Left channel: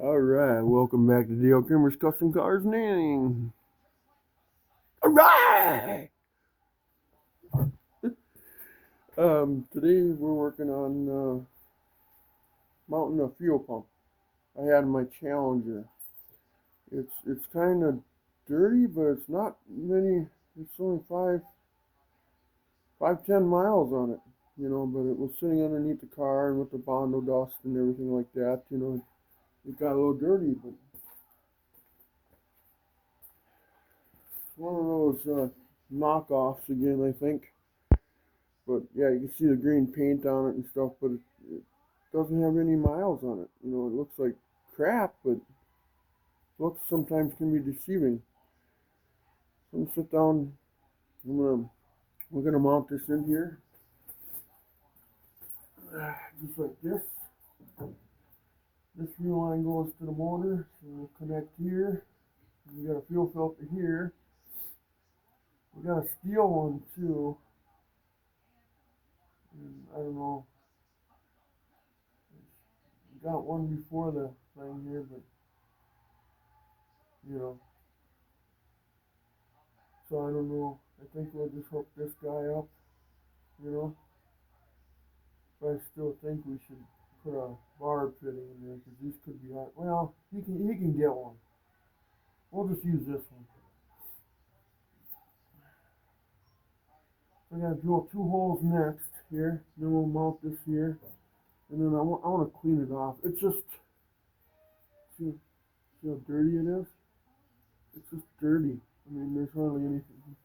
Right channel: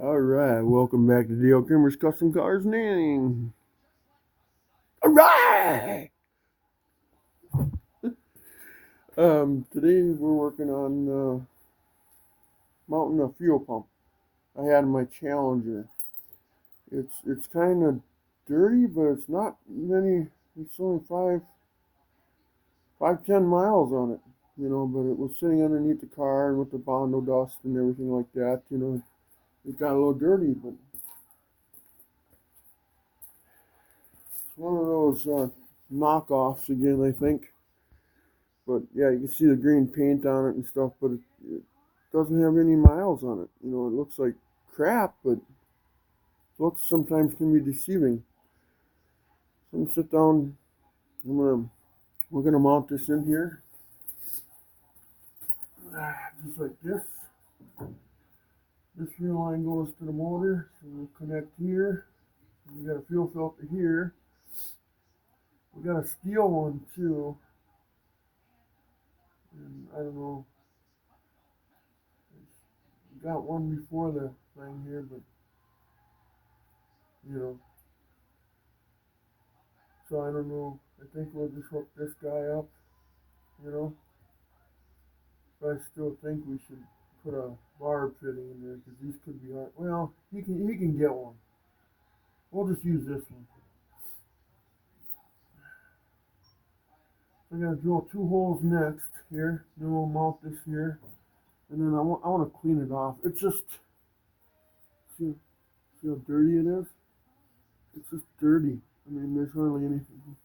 Alright, welcome back to Dale Kimmer's Custom Cars Nanning. Alright! Today we're working on mounting a fuel pump. I had my Challenger. It's kind of dirty, but it's not many. It's only 10 miles on it, but it was sitting underneath the car and with the Bondo dust and everything like that, it got a little dirty, but it's one of those knockoffs again, I think. But yeah, you can see the green paint on it and stuff, but it doesn't have any miles on it. It looks like crap, but looks sometimes can be deceiving. So I'm gonna sit down. We're gonna mount this in here, just like this. This fuel line goes to the motor, so we'll connect here. We got a fuel filter here. We got a steel one too, and I don't know. Got one before the thing here, but you know. So I don't know. I think we'll just hook this guy up, you know. But I still think we should put a barb fitting in there because these could be hard. Well, he can get one. We'll just use this one. I'm gonna drill 2 holes next here. Then we'll mount this here, and then I want to clean it off. It's just see how dirty it is. It's just dirty. I mean, there's hardly anything.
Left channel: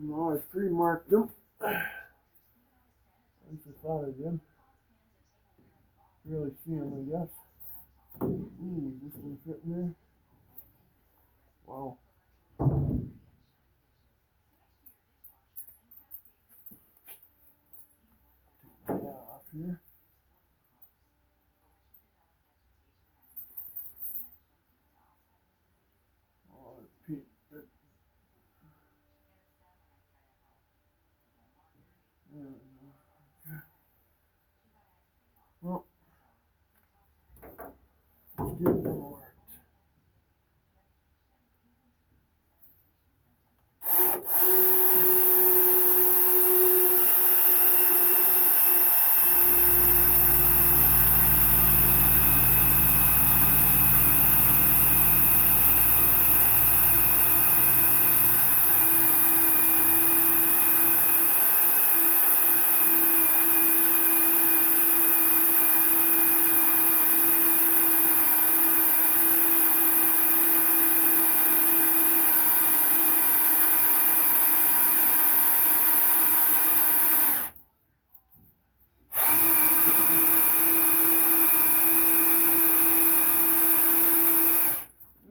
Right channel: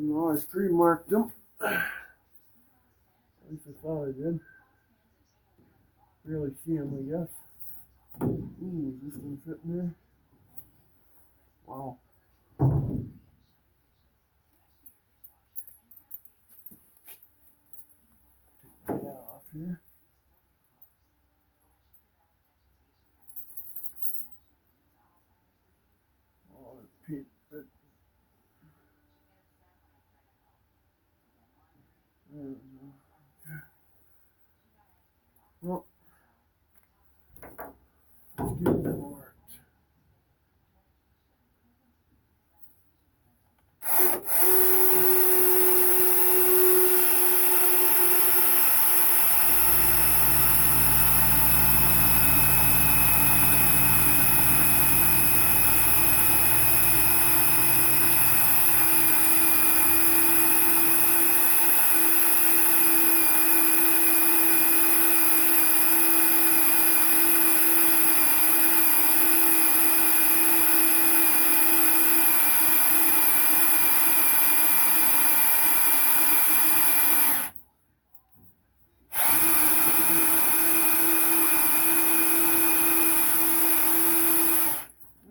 I tree marked them. At least I thought I did. Really see them, I guess. Ooh, is this one fit in there? Wow. Take that off here. Oh, Pete. Well, let's get it marked.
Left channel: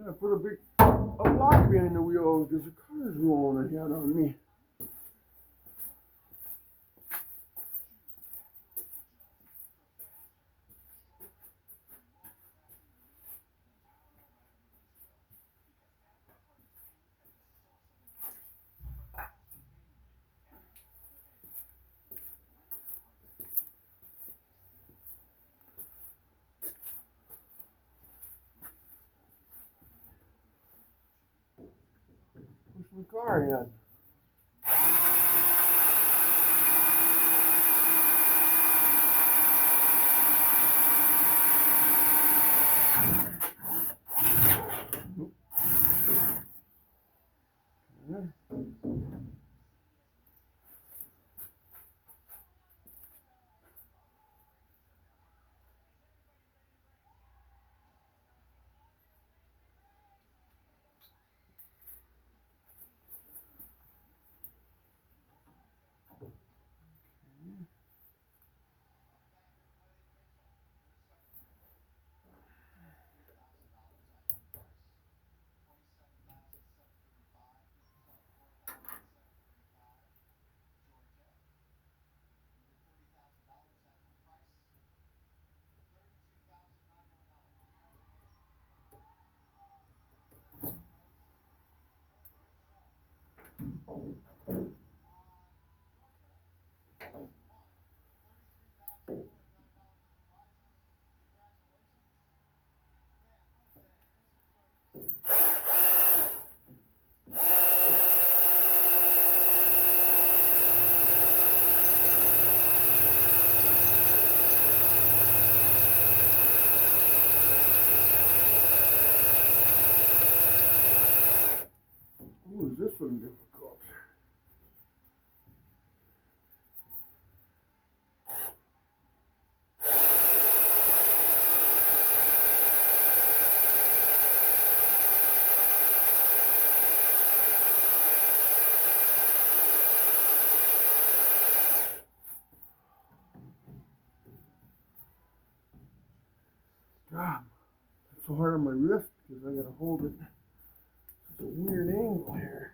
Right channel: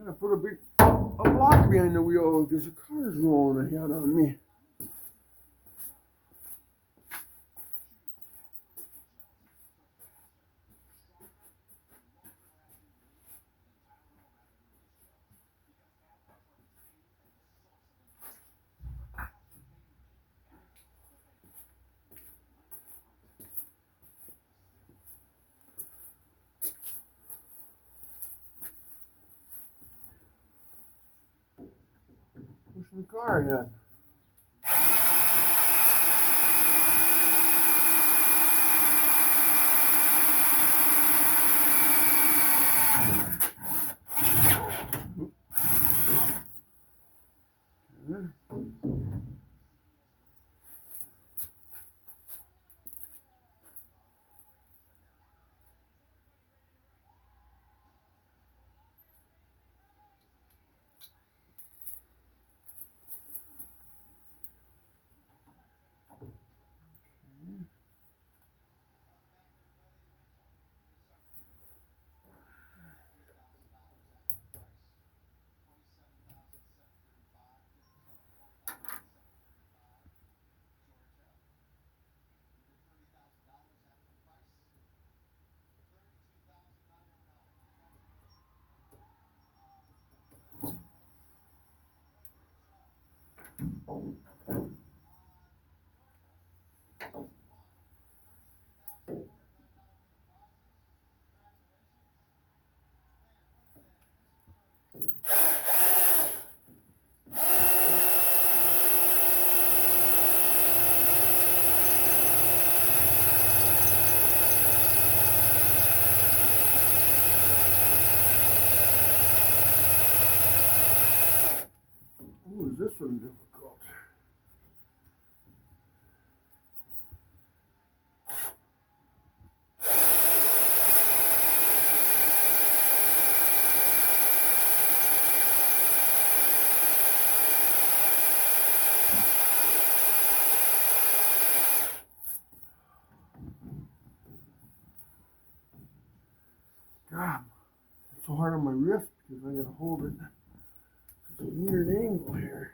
I put a block behind the wheel because the car's rolling ahead on me. Pushing the car ahead. so hard on my wrist because I gotta hold it. It's a weird angle here.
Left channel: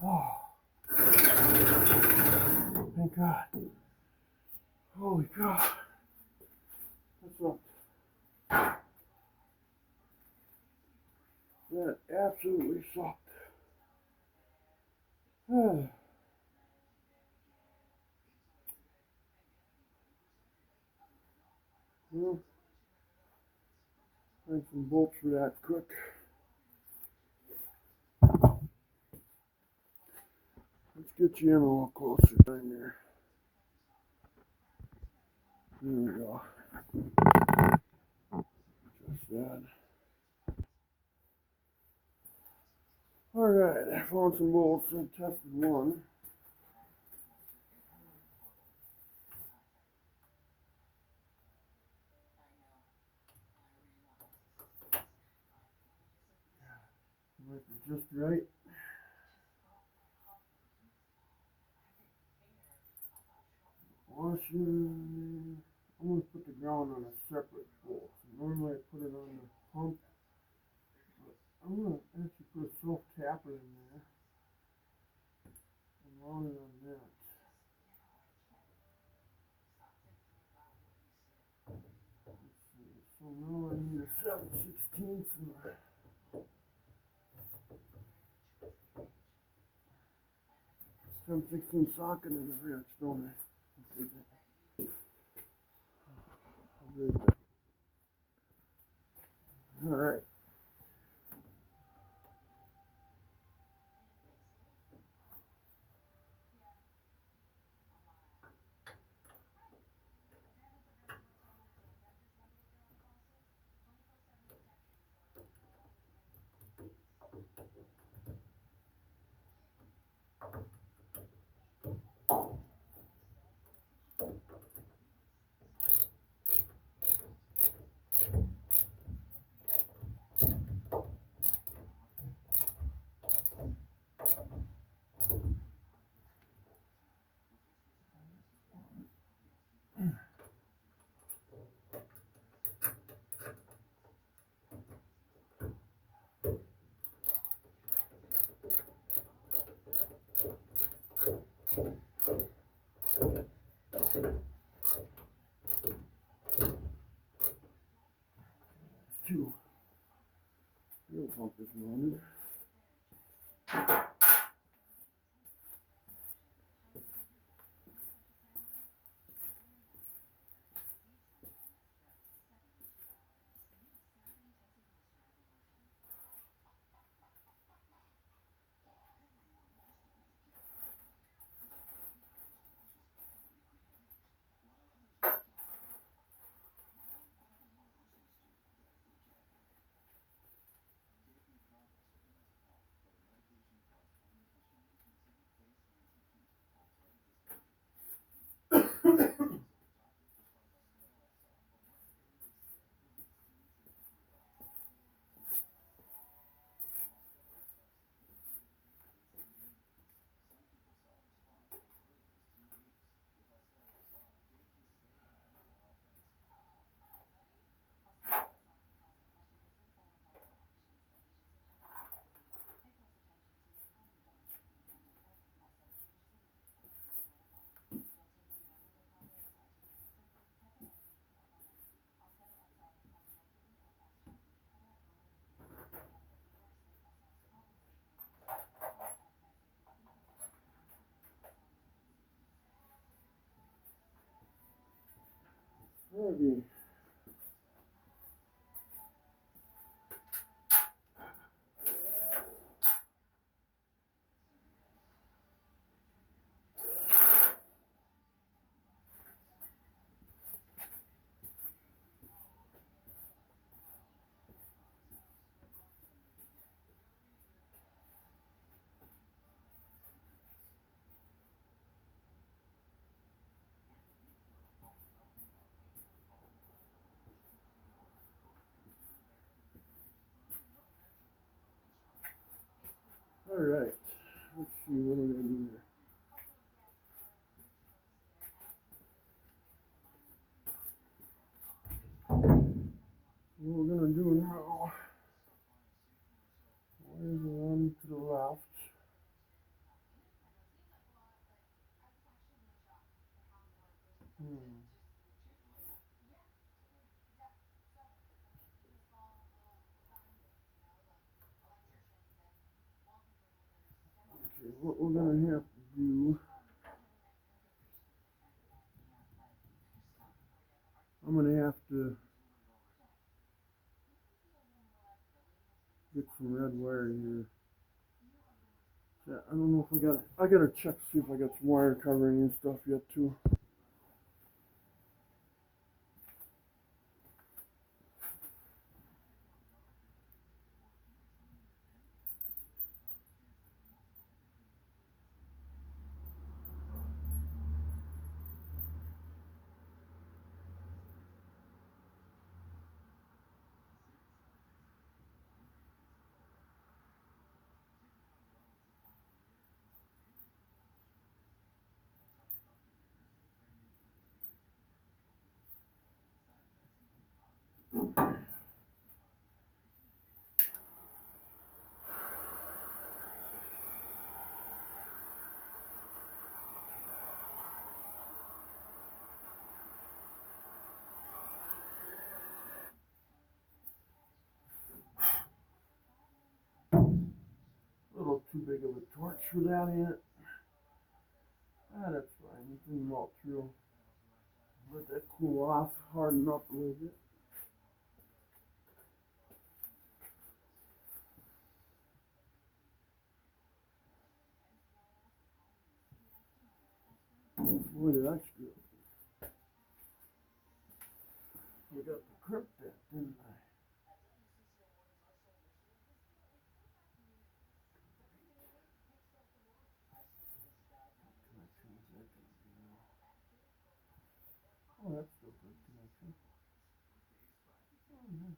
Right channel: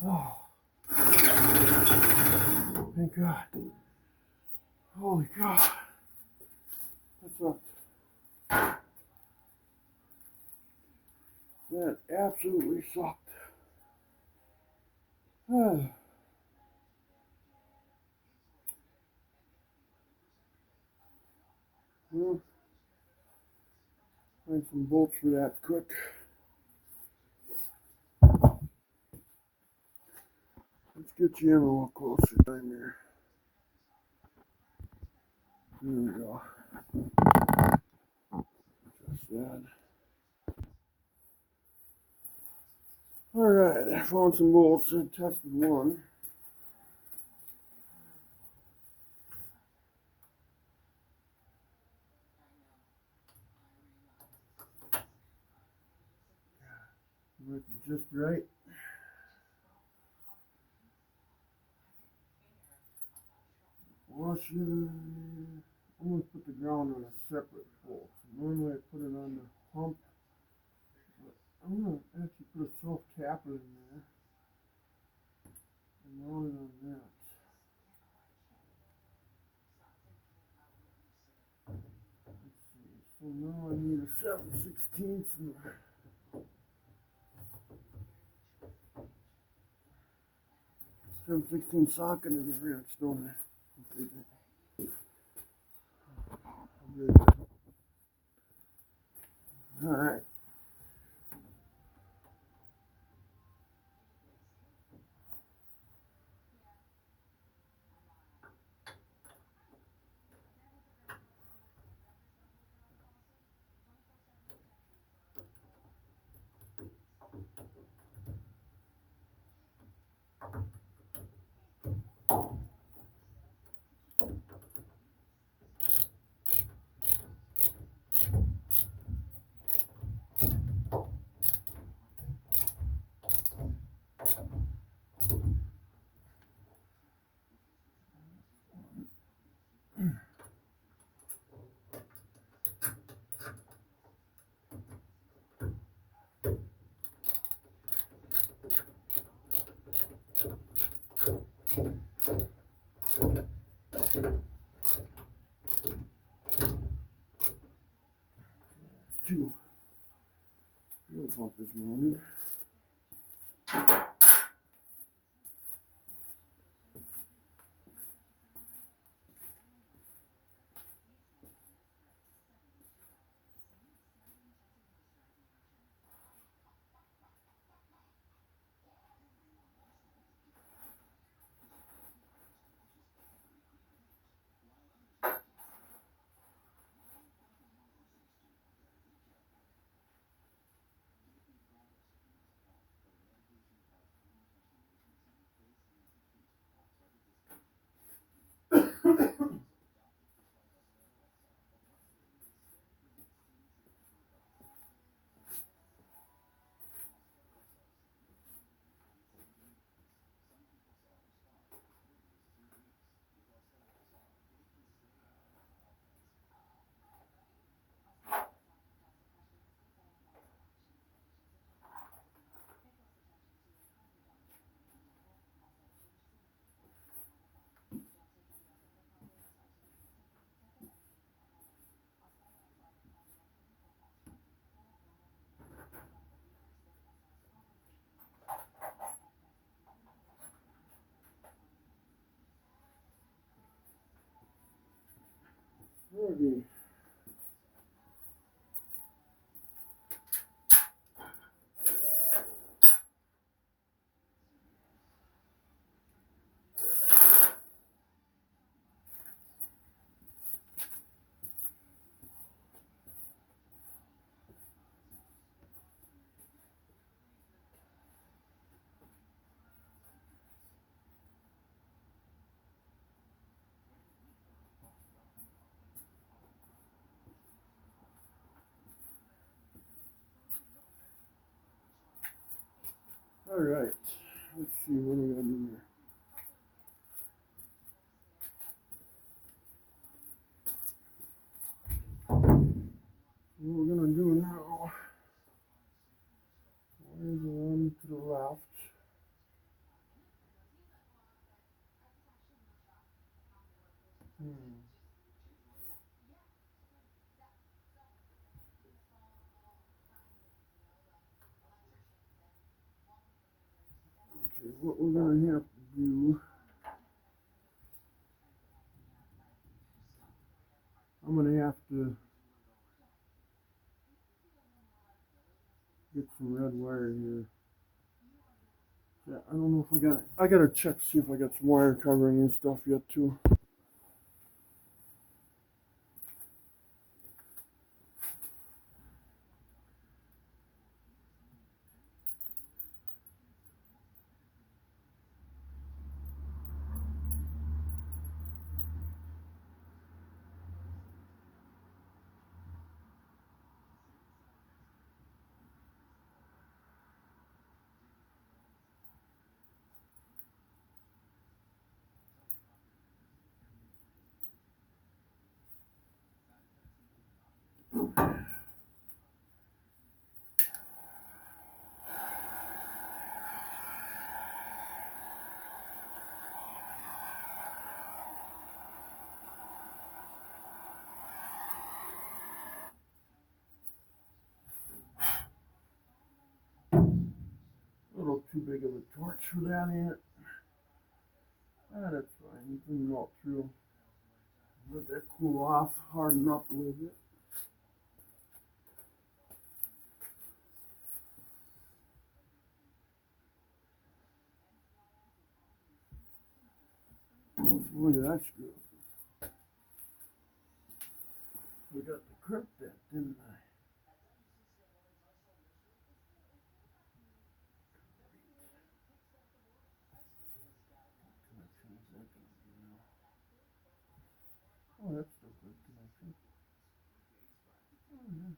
Oh, thank God. Holy God. That sucked. That absolutely sucked. Well, find some bolts for that quick. Let's get you in a little closer time here. There we go. Just that. Alright, I found some bolts and tested one. Might be just right. Washer. I'm going to put the ground on a separate bolt. Normally I put it on the pump, but I'm going to actually put a self-tapper in there and mount it on that. Let's see. So now I need a 7/16 and a 7/16 socket in the wrench, don't I? I'll do that. Alright. Two. Fuel pump is mounted. Alrighty. All right. Let's see what we're gonna do here. What we're gonna do now is one to the left. Hmm. Okay, what we're gonna have to do, I'm gonna have to get some red wire here. Yeah, I don't know if I gotta check see if I got some wire covering and stuff yet too. A little too big of a torch for that ant. Ah, that's fine. You can melt through. Let that cool off, harden up a little bit. Boy, did I screw up. We got the curb bit, didn't I? Connection is that gonna be now? Oh, that's still good connection. Oh, yeah.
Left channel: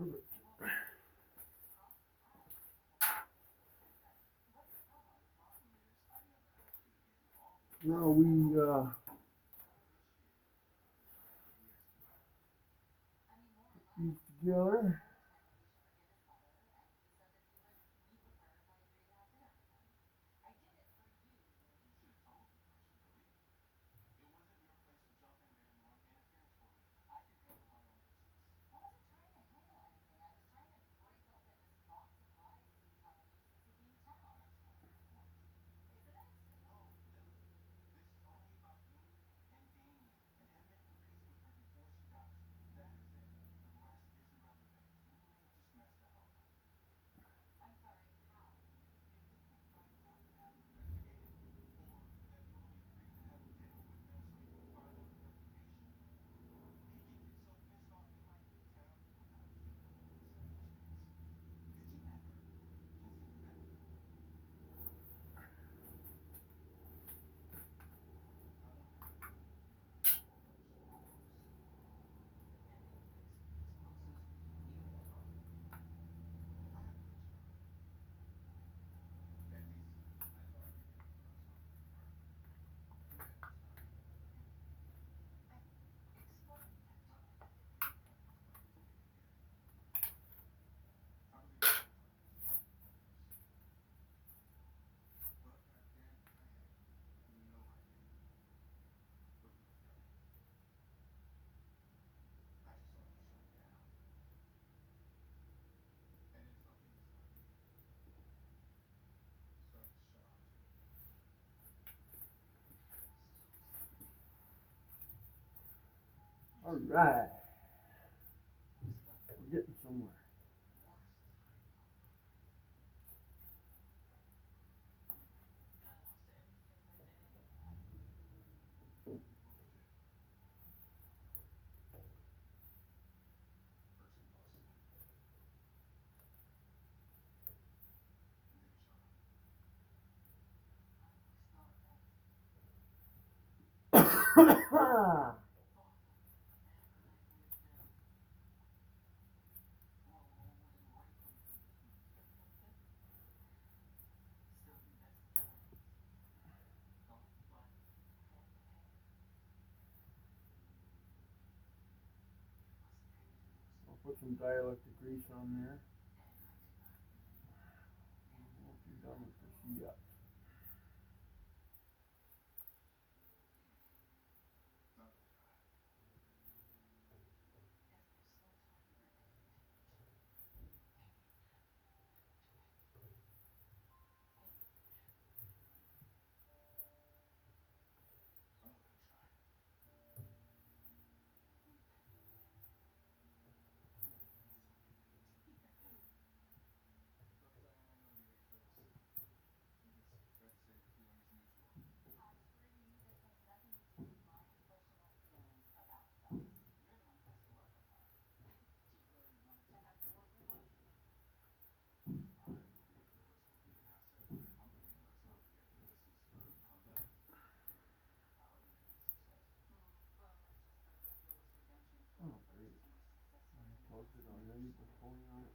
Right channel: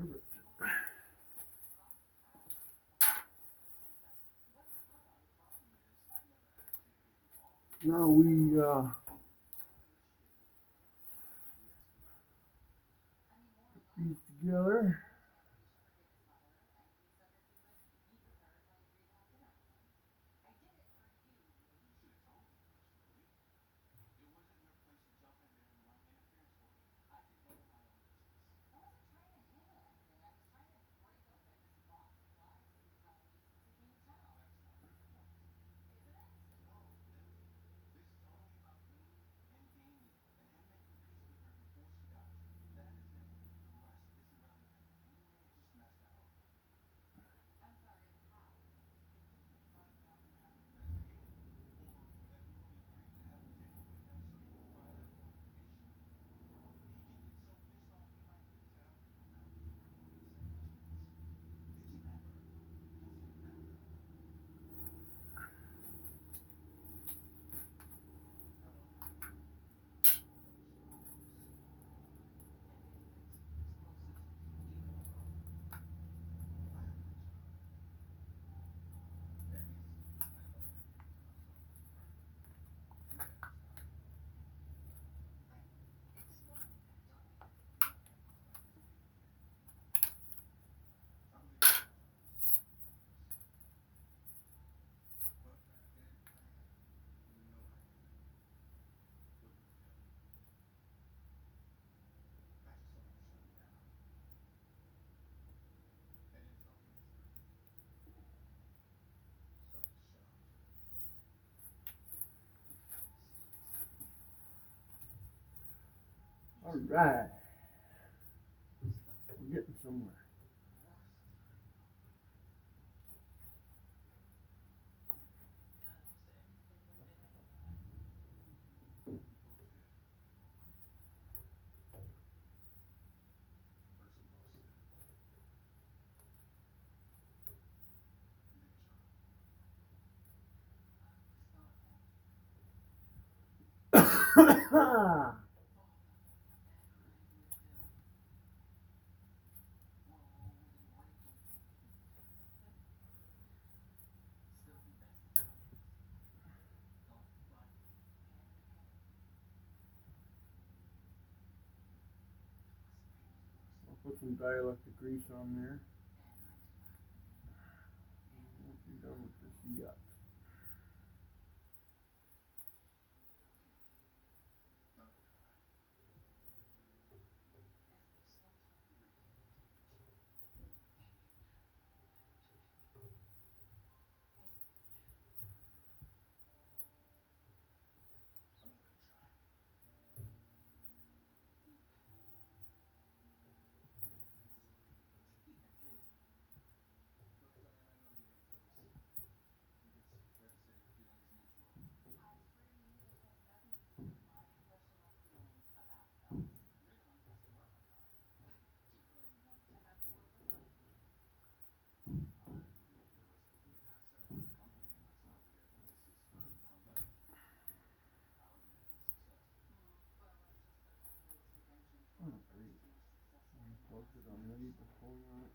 Perfect. Now we put these together. Alright, we're getting somewhere. I'll put some dielectric grease on there. Once you're done with this, you got closed it already before that.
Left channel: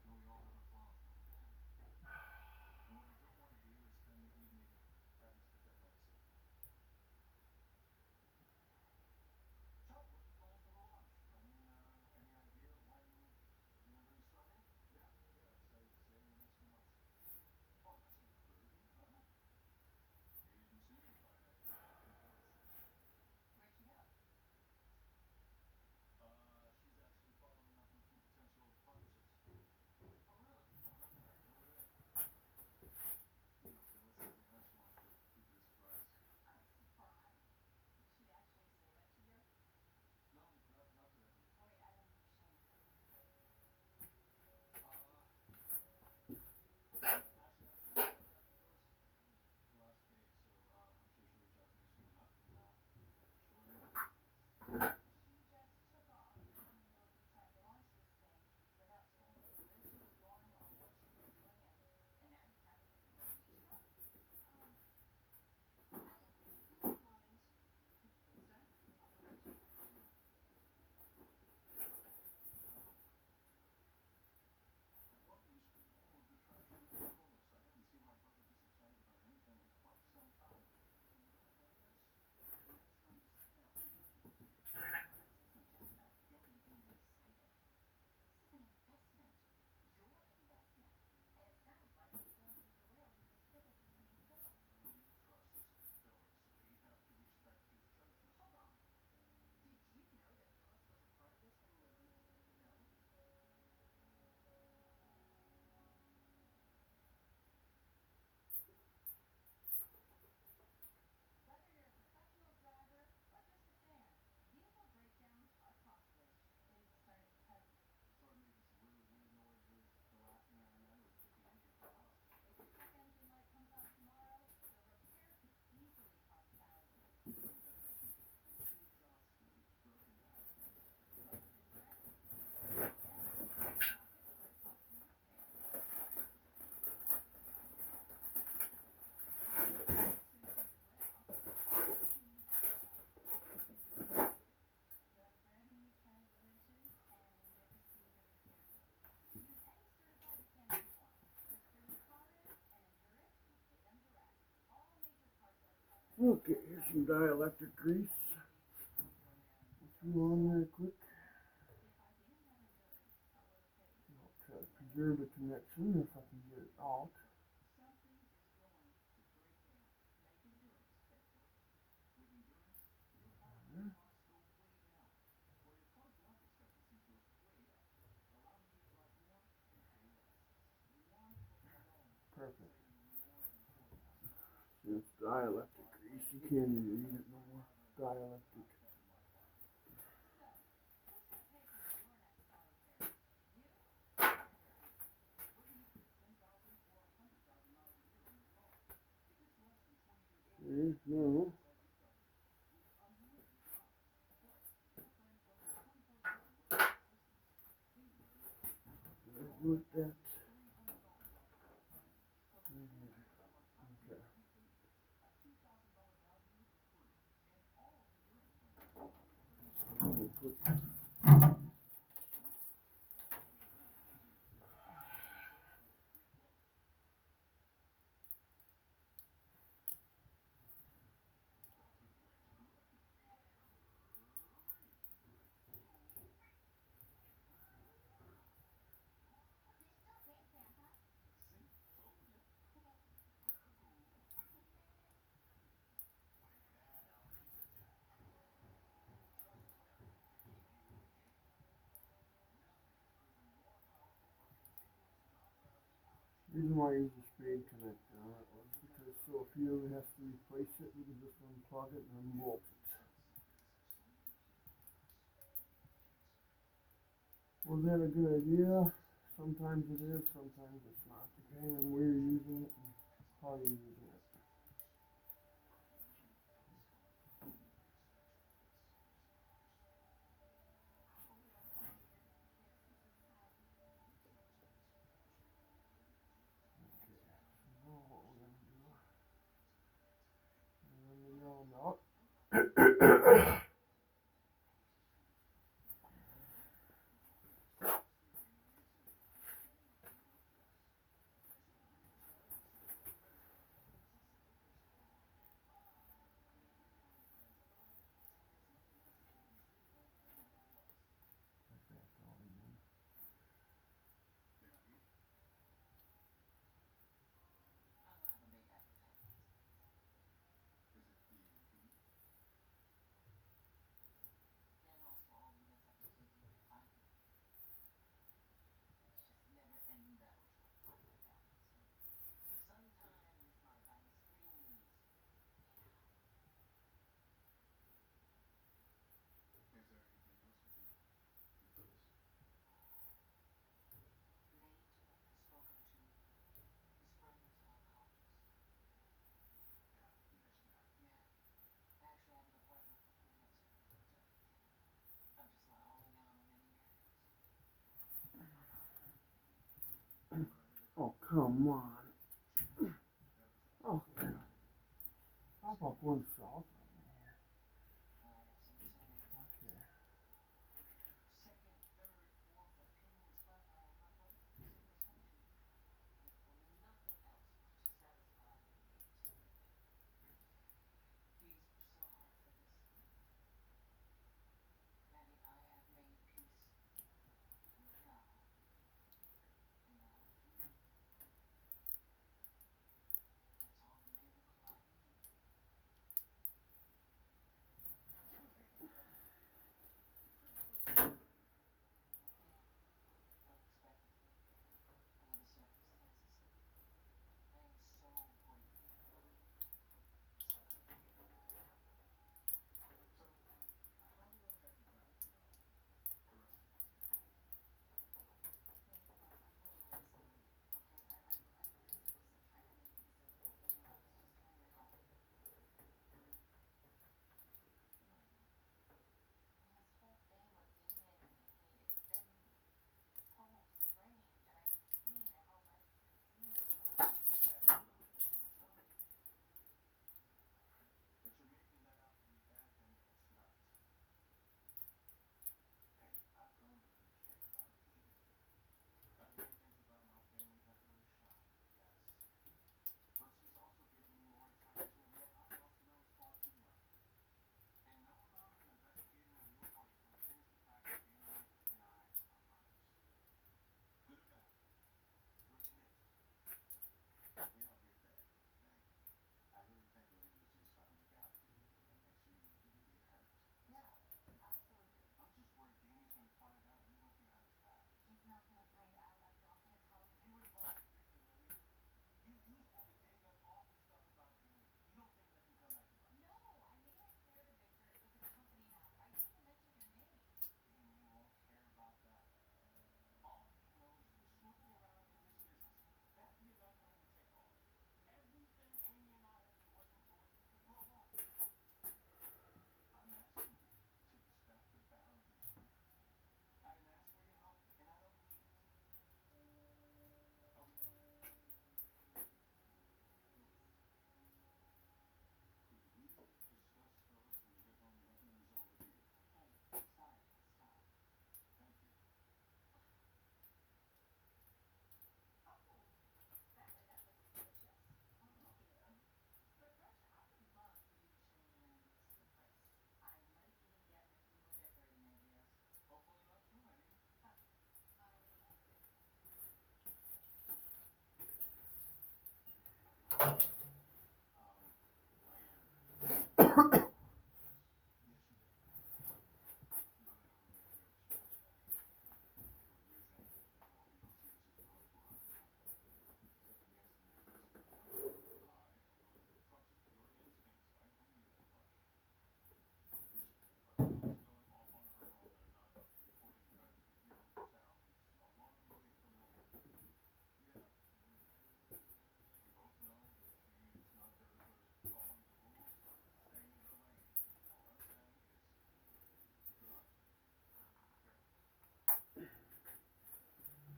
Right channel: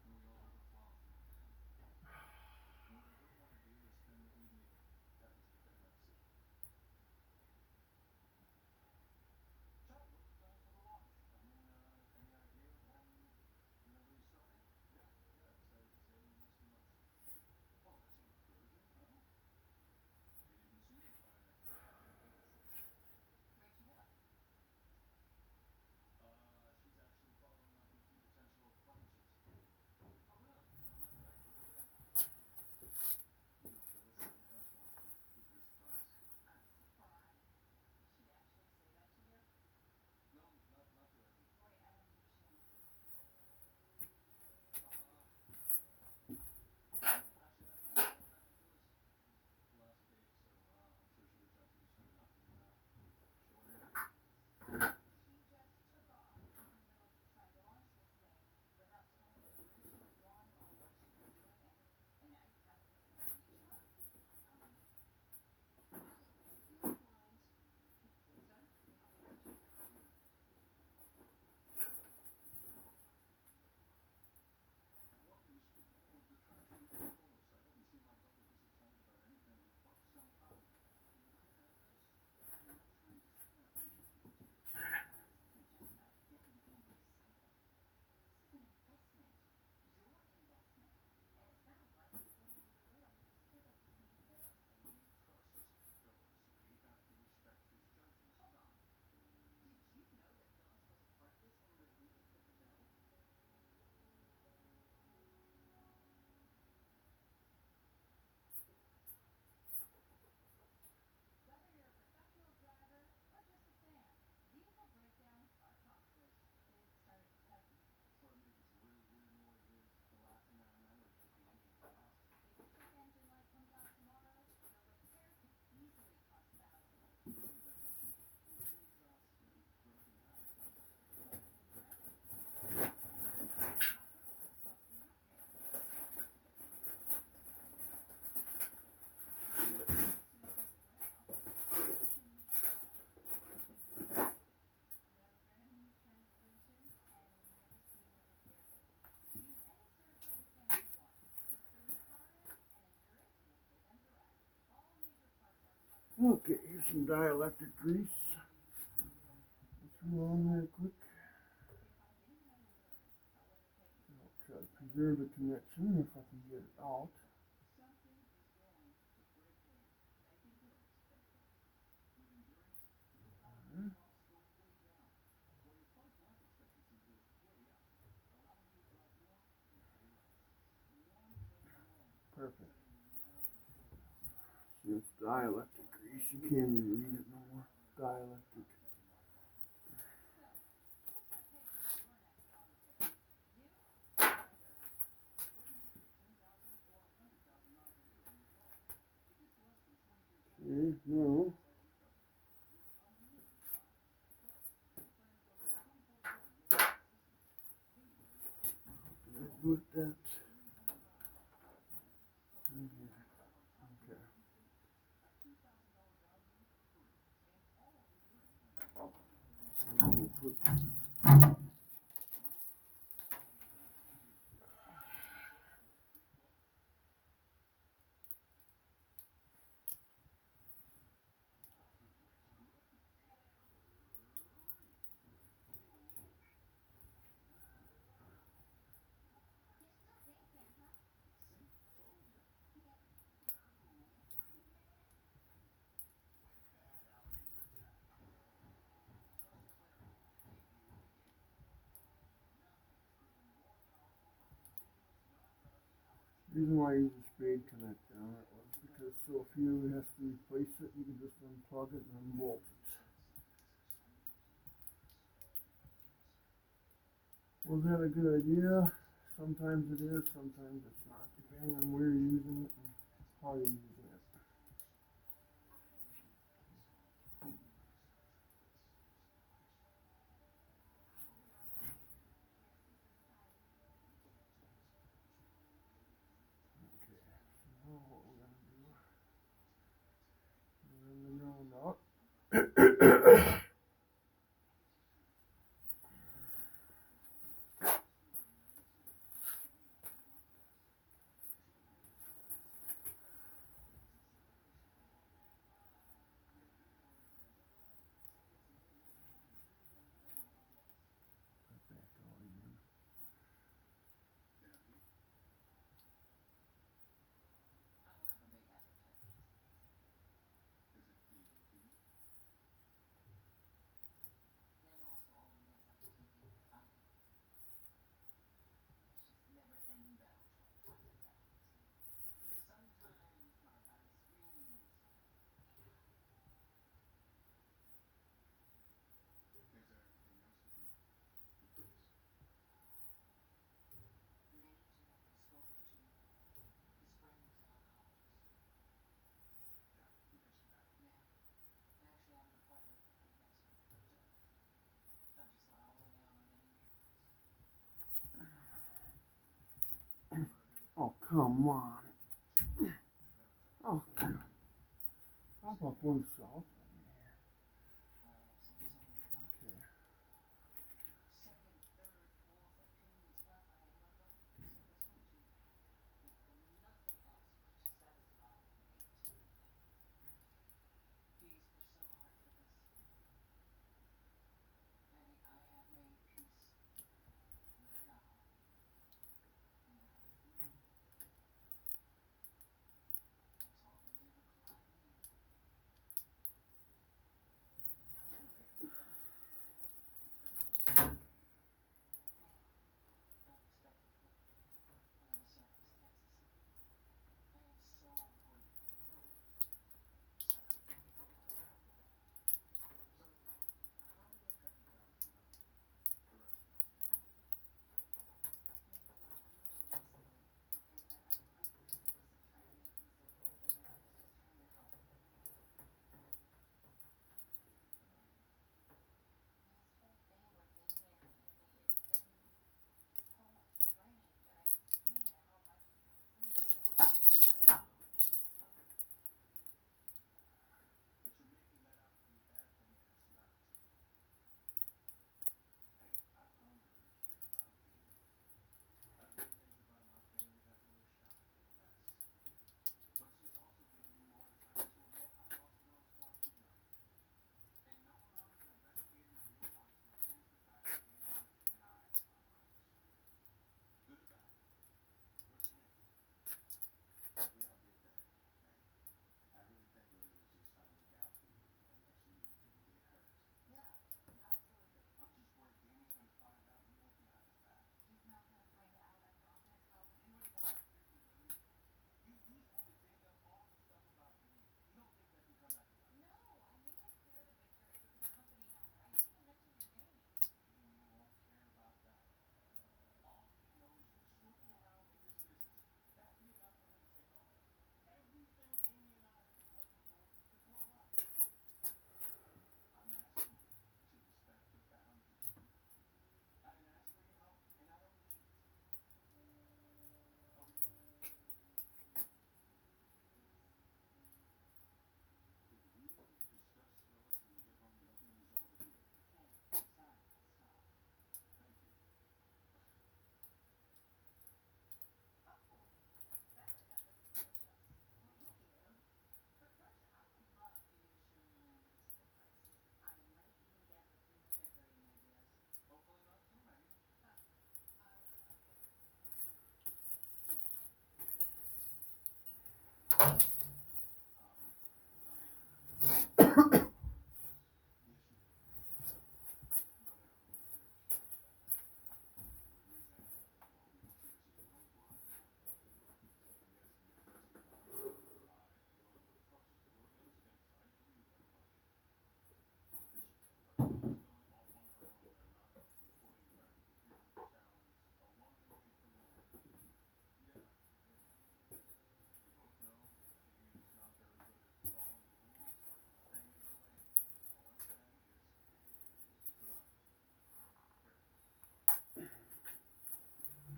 Okay, here's some dielectric grease. Put on there quick. I'll try to preserve the connection if I can get it out. Perfect. See, it's dielectric grease. You can't even read it no more. Dielectric. put that in here. Okay. We'll put the reason why I use a spade connector on it was because so if you ever have to replace it, you can just unplug it and unbolt it. Was that a good idea? Sometimes it is, sometimes it's not, depending on where you're using it and how you're using it. Okay, so now what we're gonna do, run the ground out. Oh, come on. Oh, pop up one salt. Okay.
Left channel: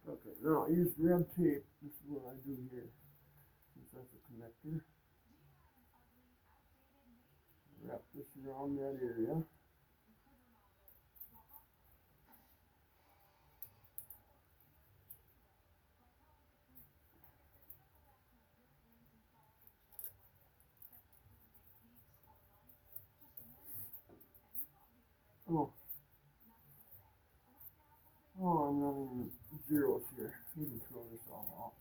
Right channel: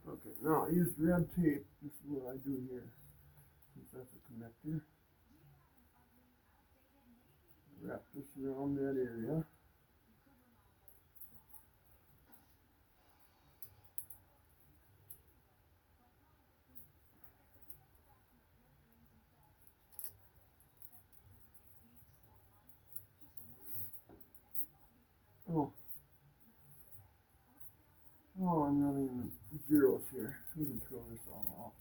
Okay, now I use red tape. This is what I do here. Since that's a connector. Wrap this around that area. Oh, I'm running zeros here. You can throw this all out.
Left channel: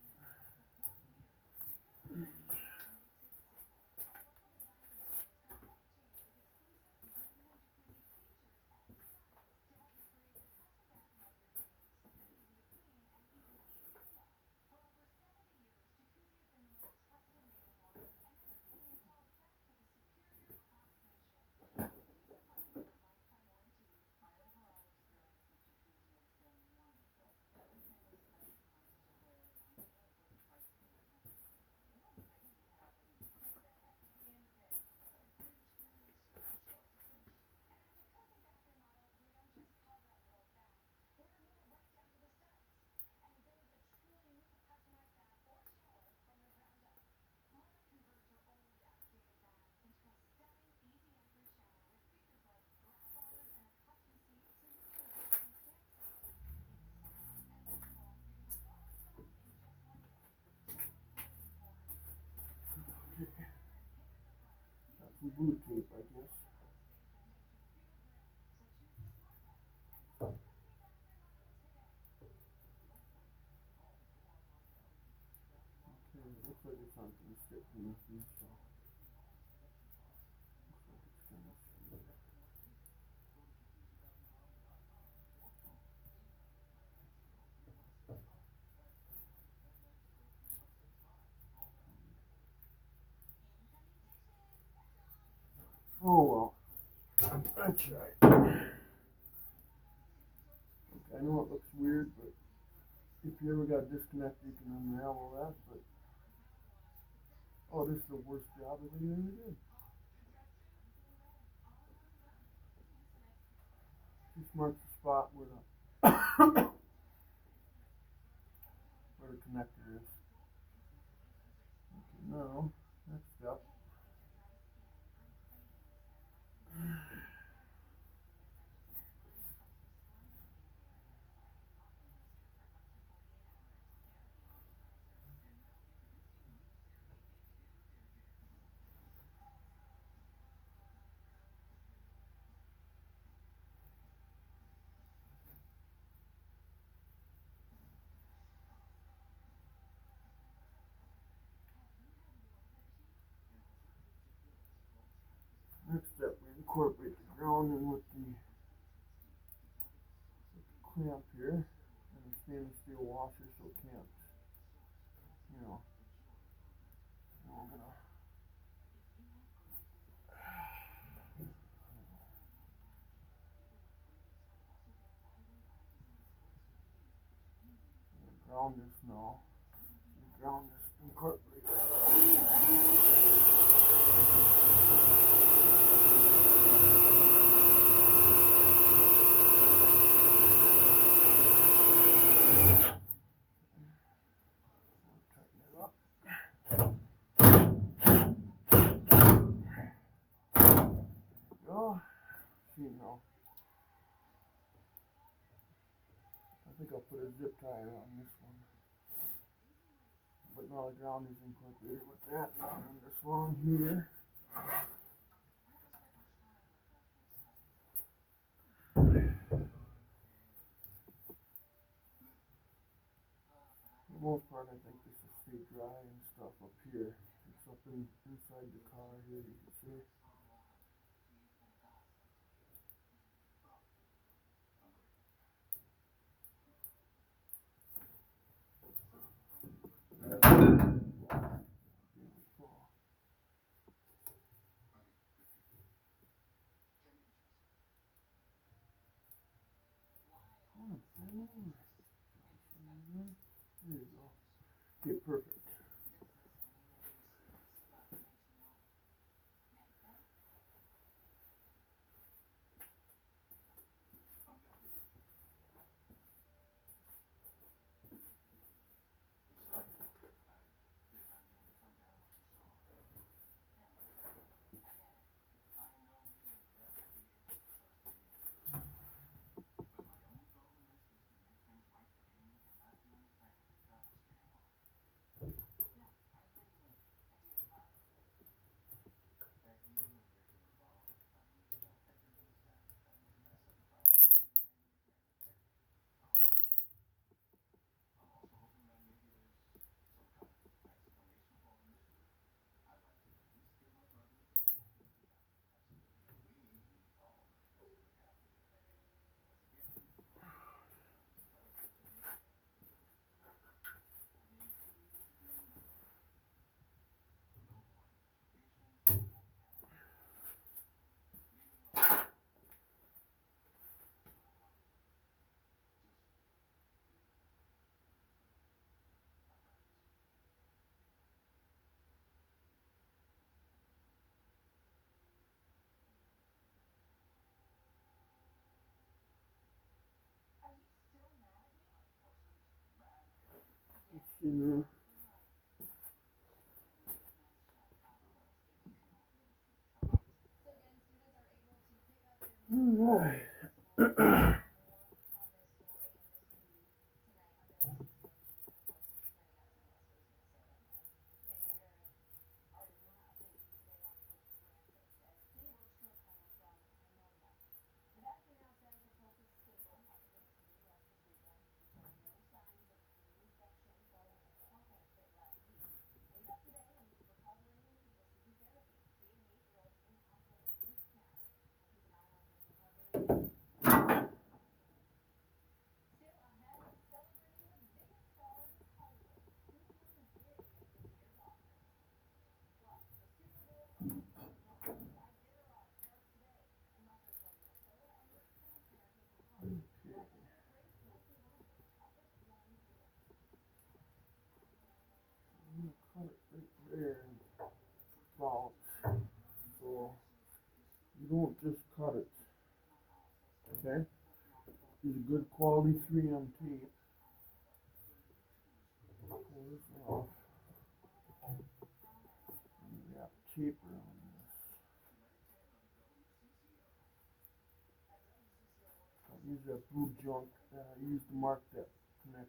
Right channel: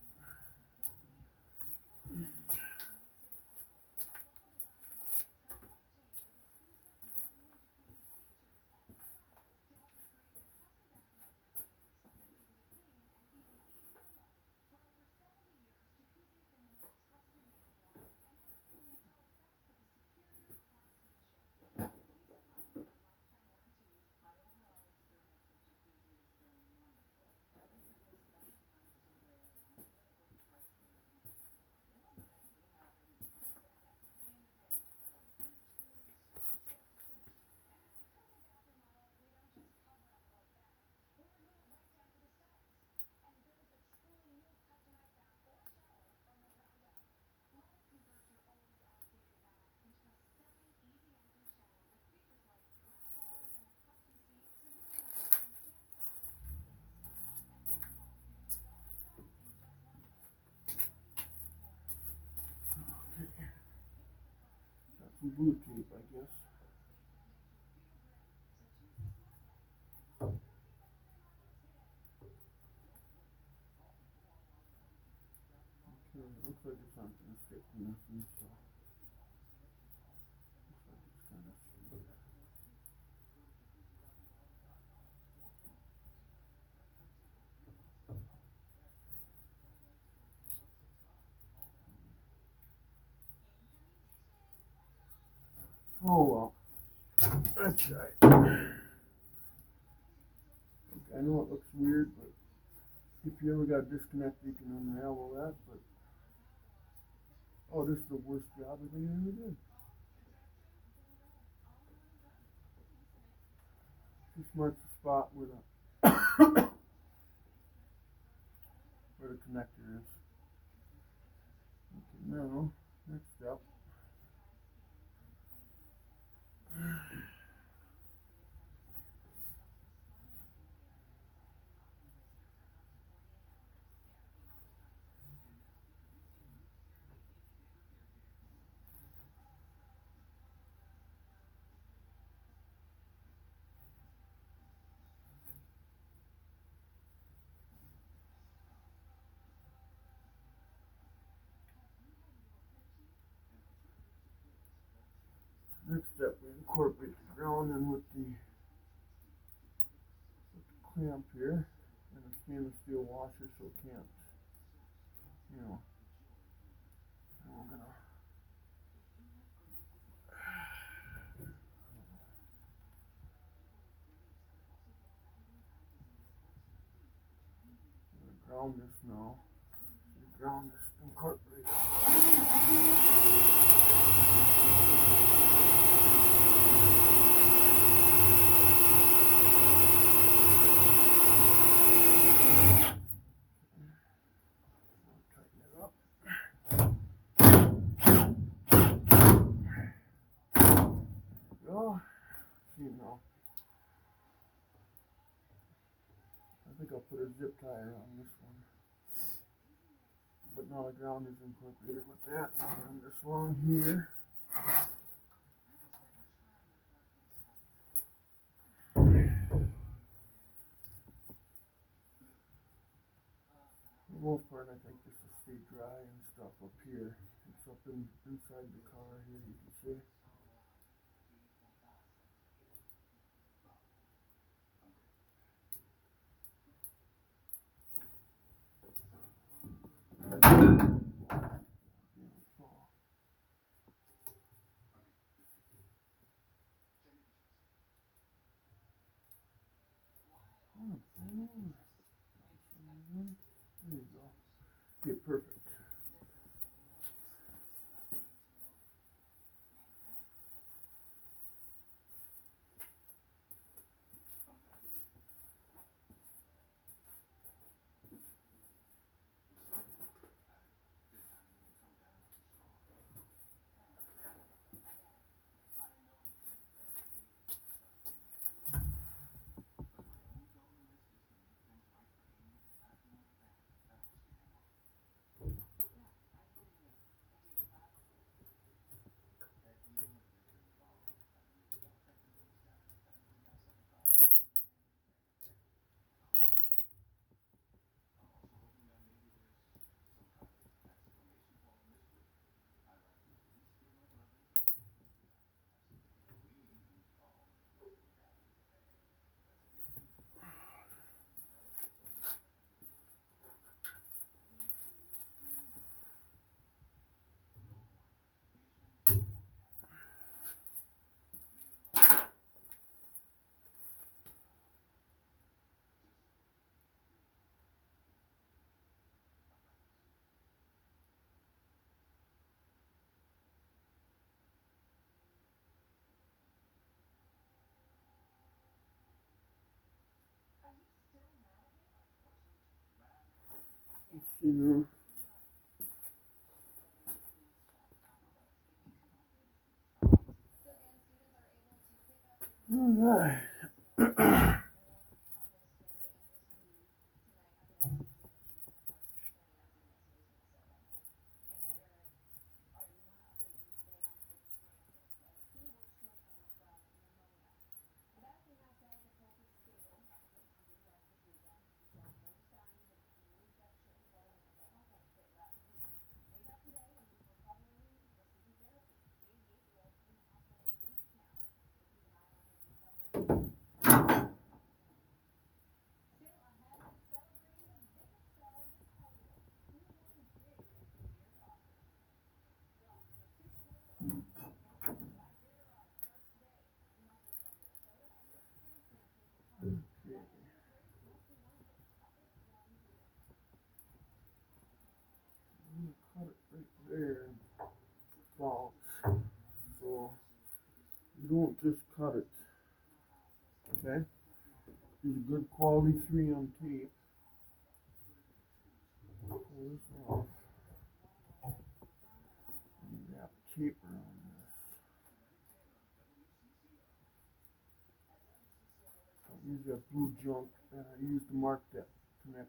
Got some blue tape, I guess. Okay, it looks like it's not going to stick to nothing, so looks like it's kind of straight. Oh well, that's right. Okay, I know it looks weird, but if you ever got disconnected, you can unravel that. But oh, this is the worst job I think I ever did. Just marks the spot where the connector is. Okay, now next up. Next step, we incorporate the ground in with the clamp here and a stainless steel washer so it can't, you know, and we're gonna ground this now. Ground this incorporate. Tighten it up. There we go. See now. I think I'll put a zip tie on this one. But now the ground is incorporated with that. Now run this along here. For the most part, I think this will stay dry and stuff up here. It's up inside the car here, you can see. There you go. Okay, perfect. Mm-hmm. All right. Cut it right there and bounce. So you don't just cut it. Okay? Use a good quality 3M tape. Pull this off. And wrap tape around this. Don't use that blue junk that I used to mark that connector.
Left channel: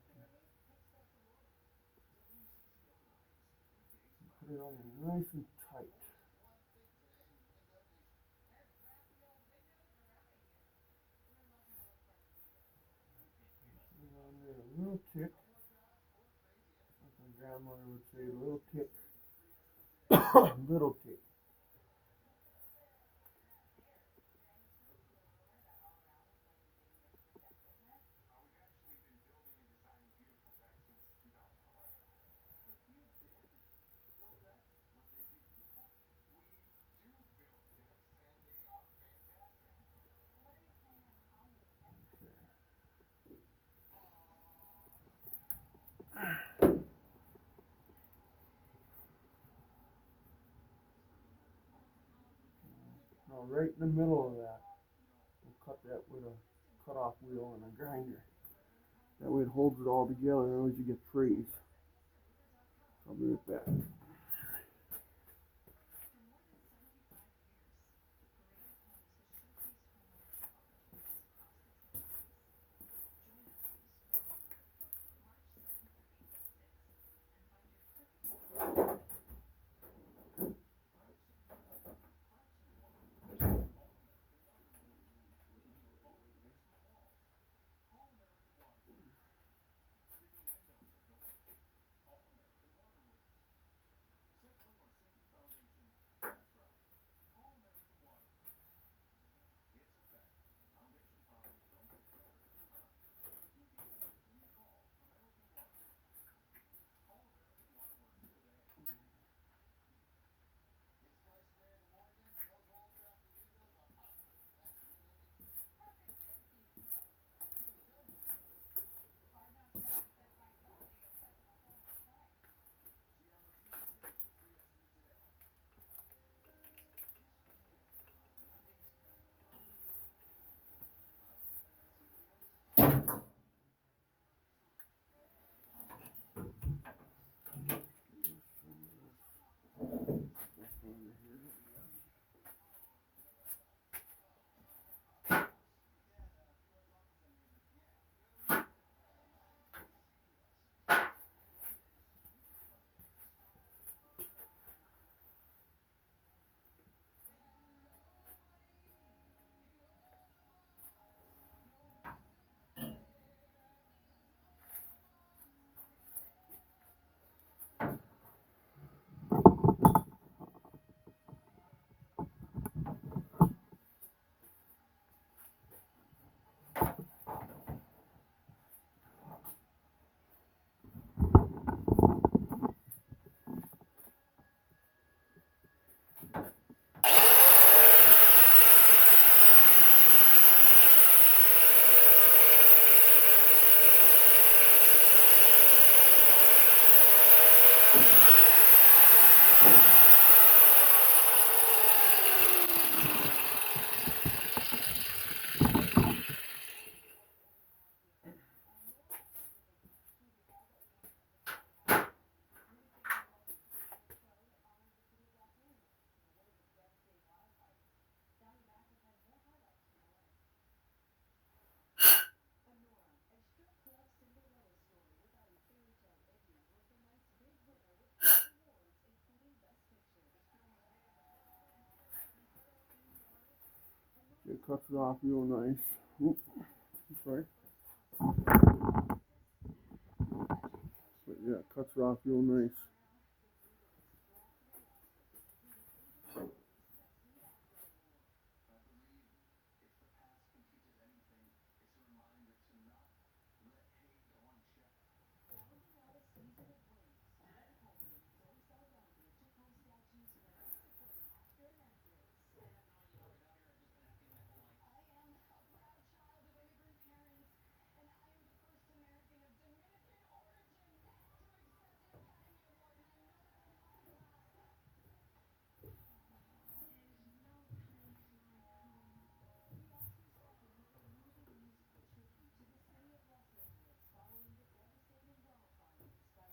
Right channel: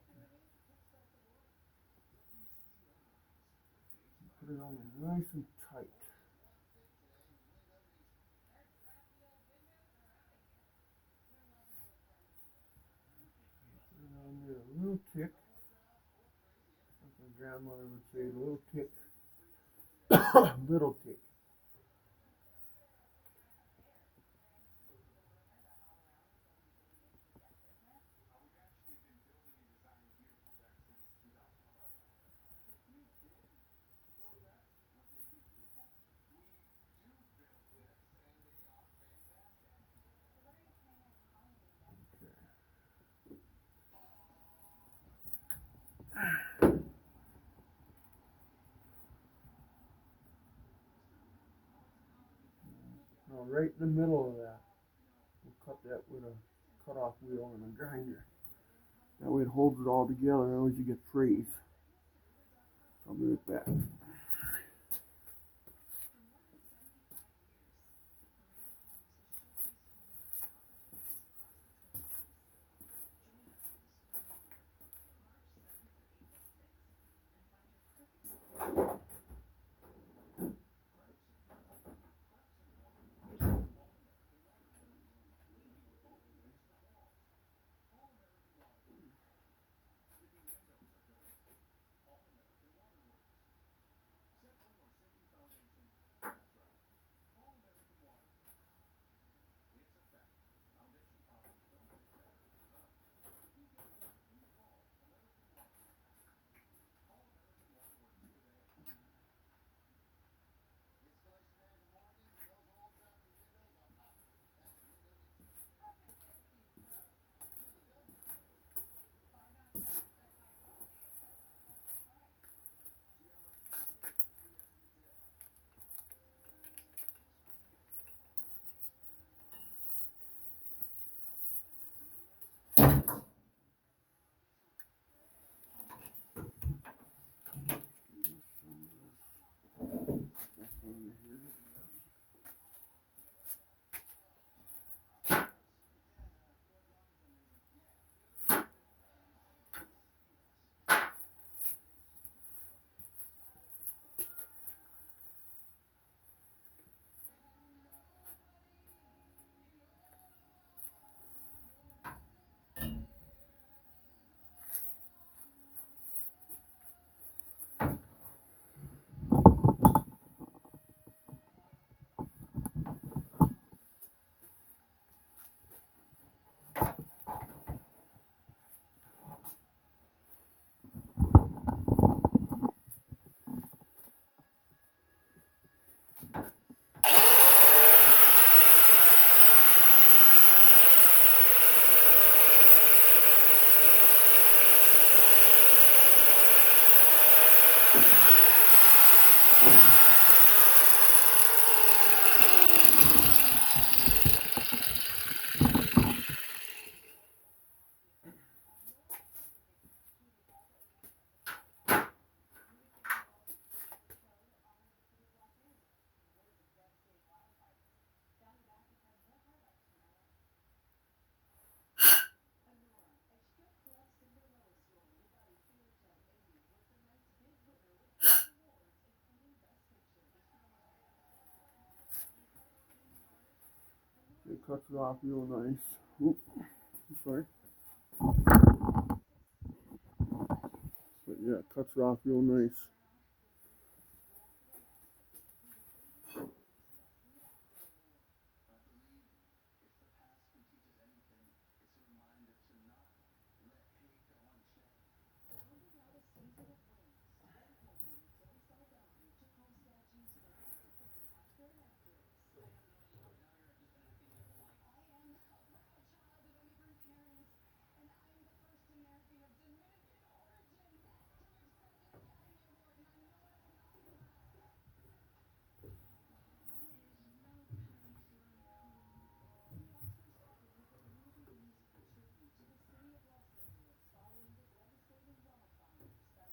Put it on there nice and tight. Put it on there a little tick. Like my grandmother would say, a little tick. Little tick. Now right in the middle of that, we'll cut that with a cut-off wheel and a grinder. That way it holds it all together, otherwise you get trays. So I'll be with that. cuts it off real nice. Oop, sorry. But yeah, cuts it off real nice.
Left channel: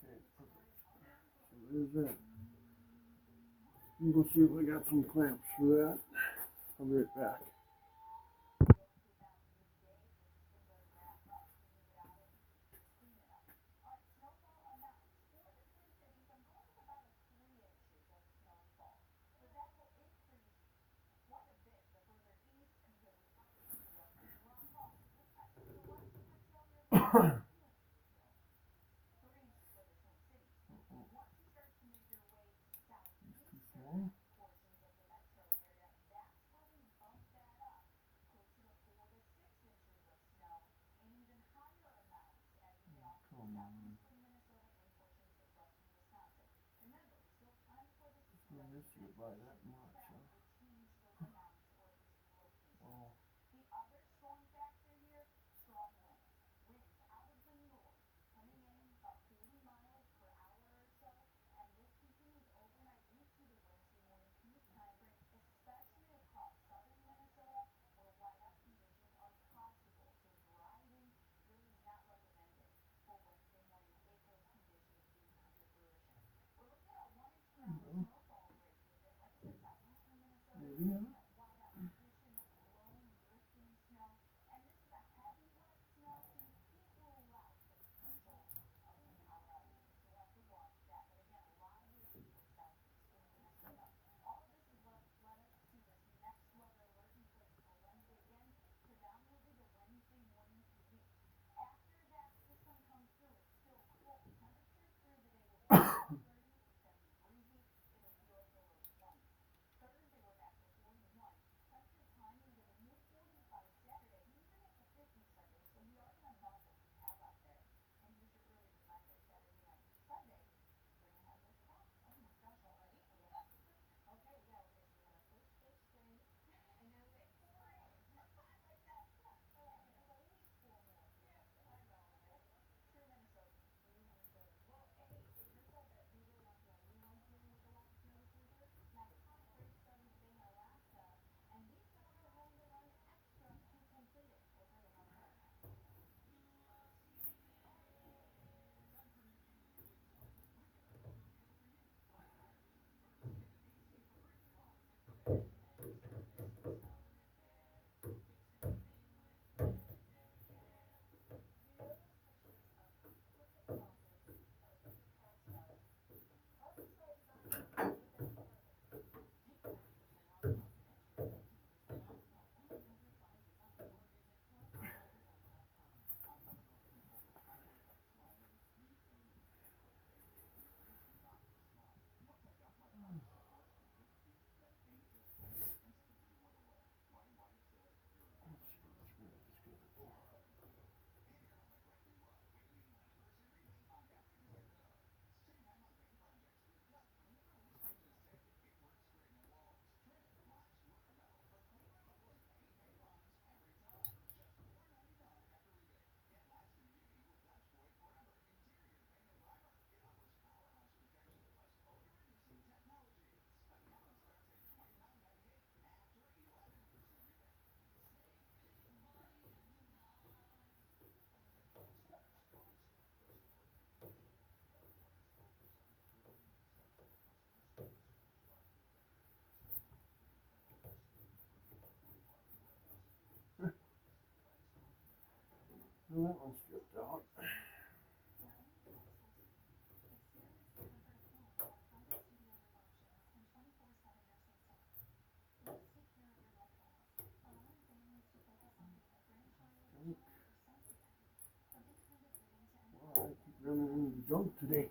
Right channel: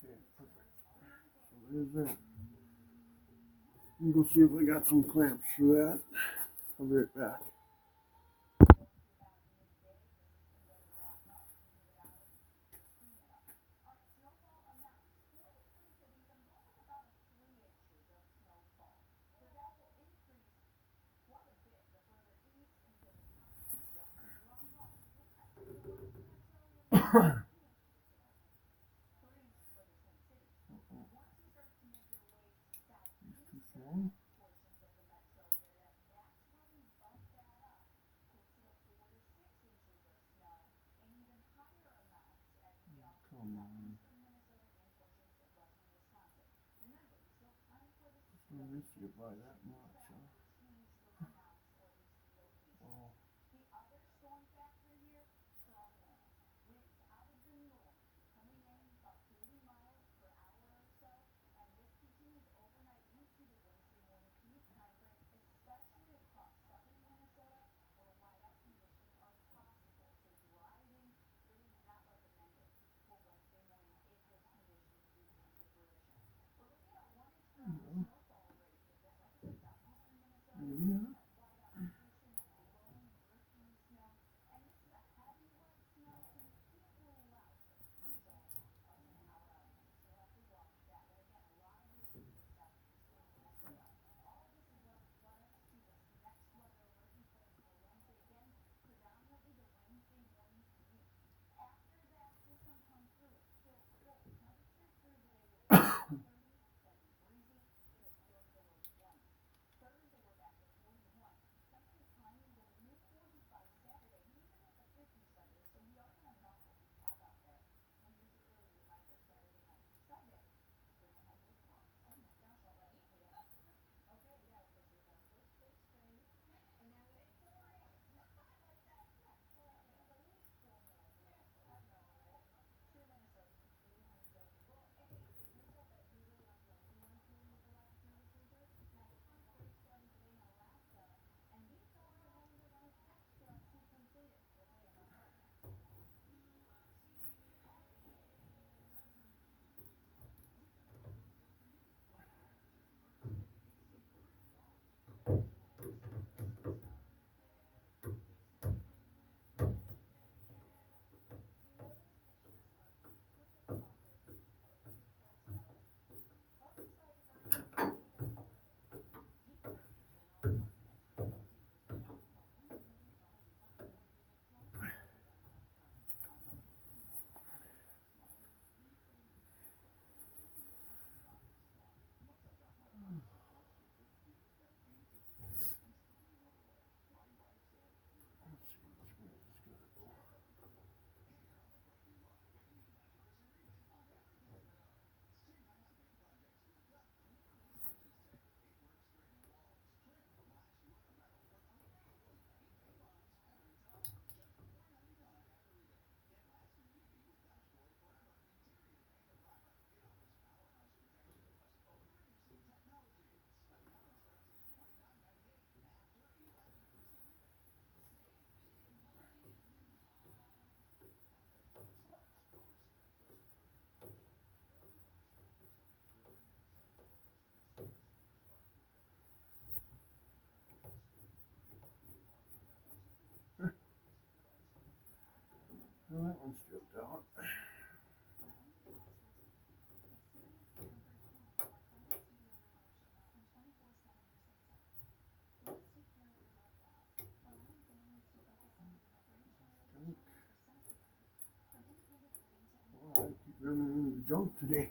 Okay, perfect. So there's that. I'm gonna see if I got some clamps for that. I'll be right back. Too small. Come on. I used to get by that much. Oh. Well, maybe not. Well, that one's stripped out. junk today.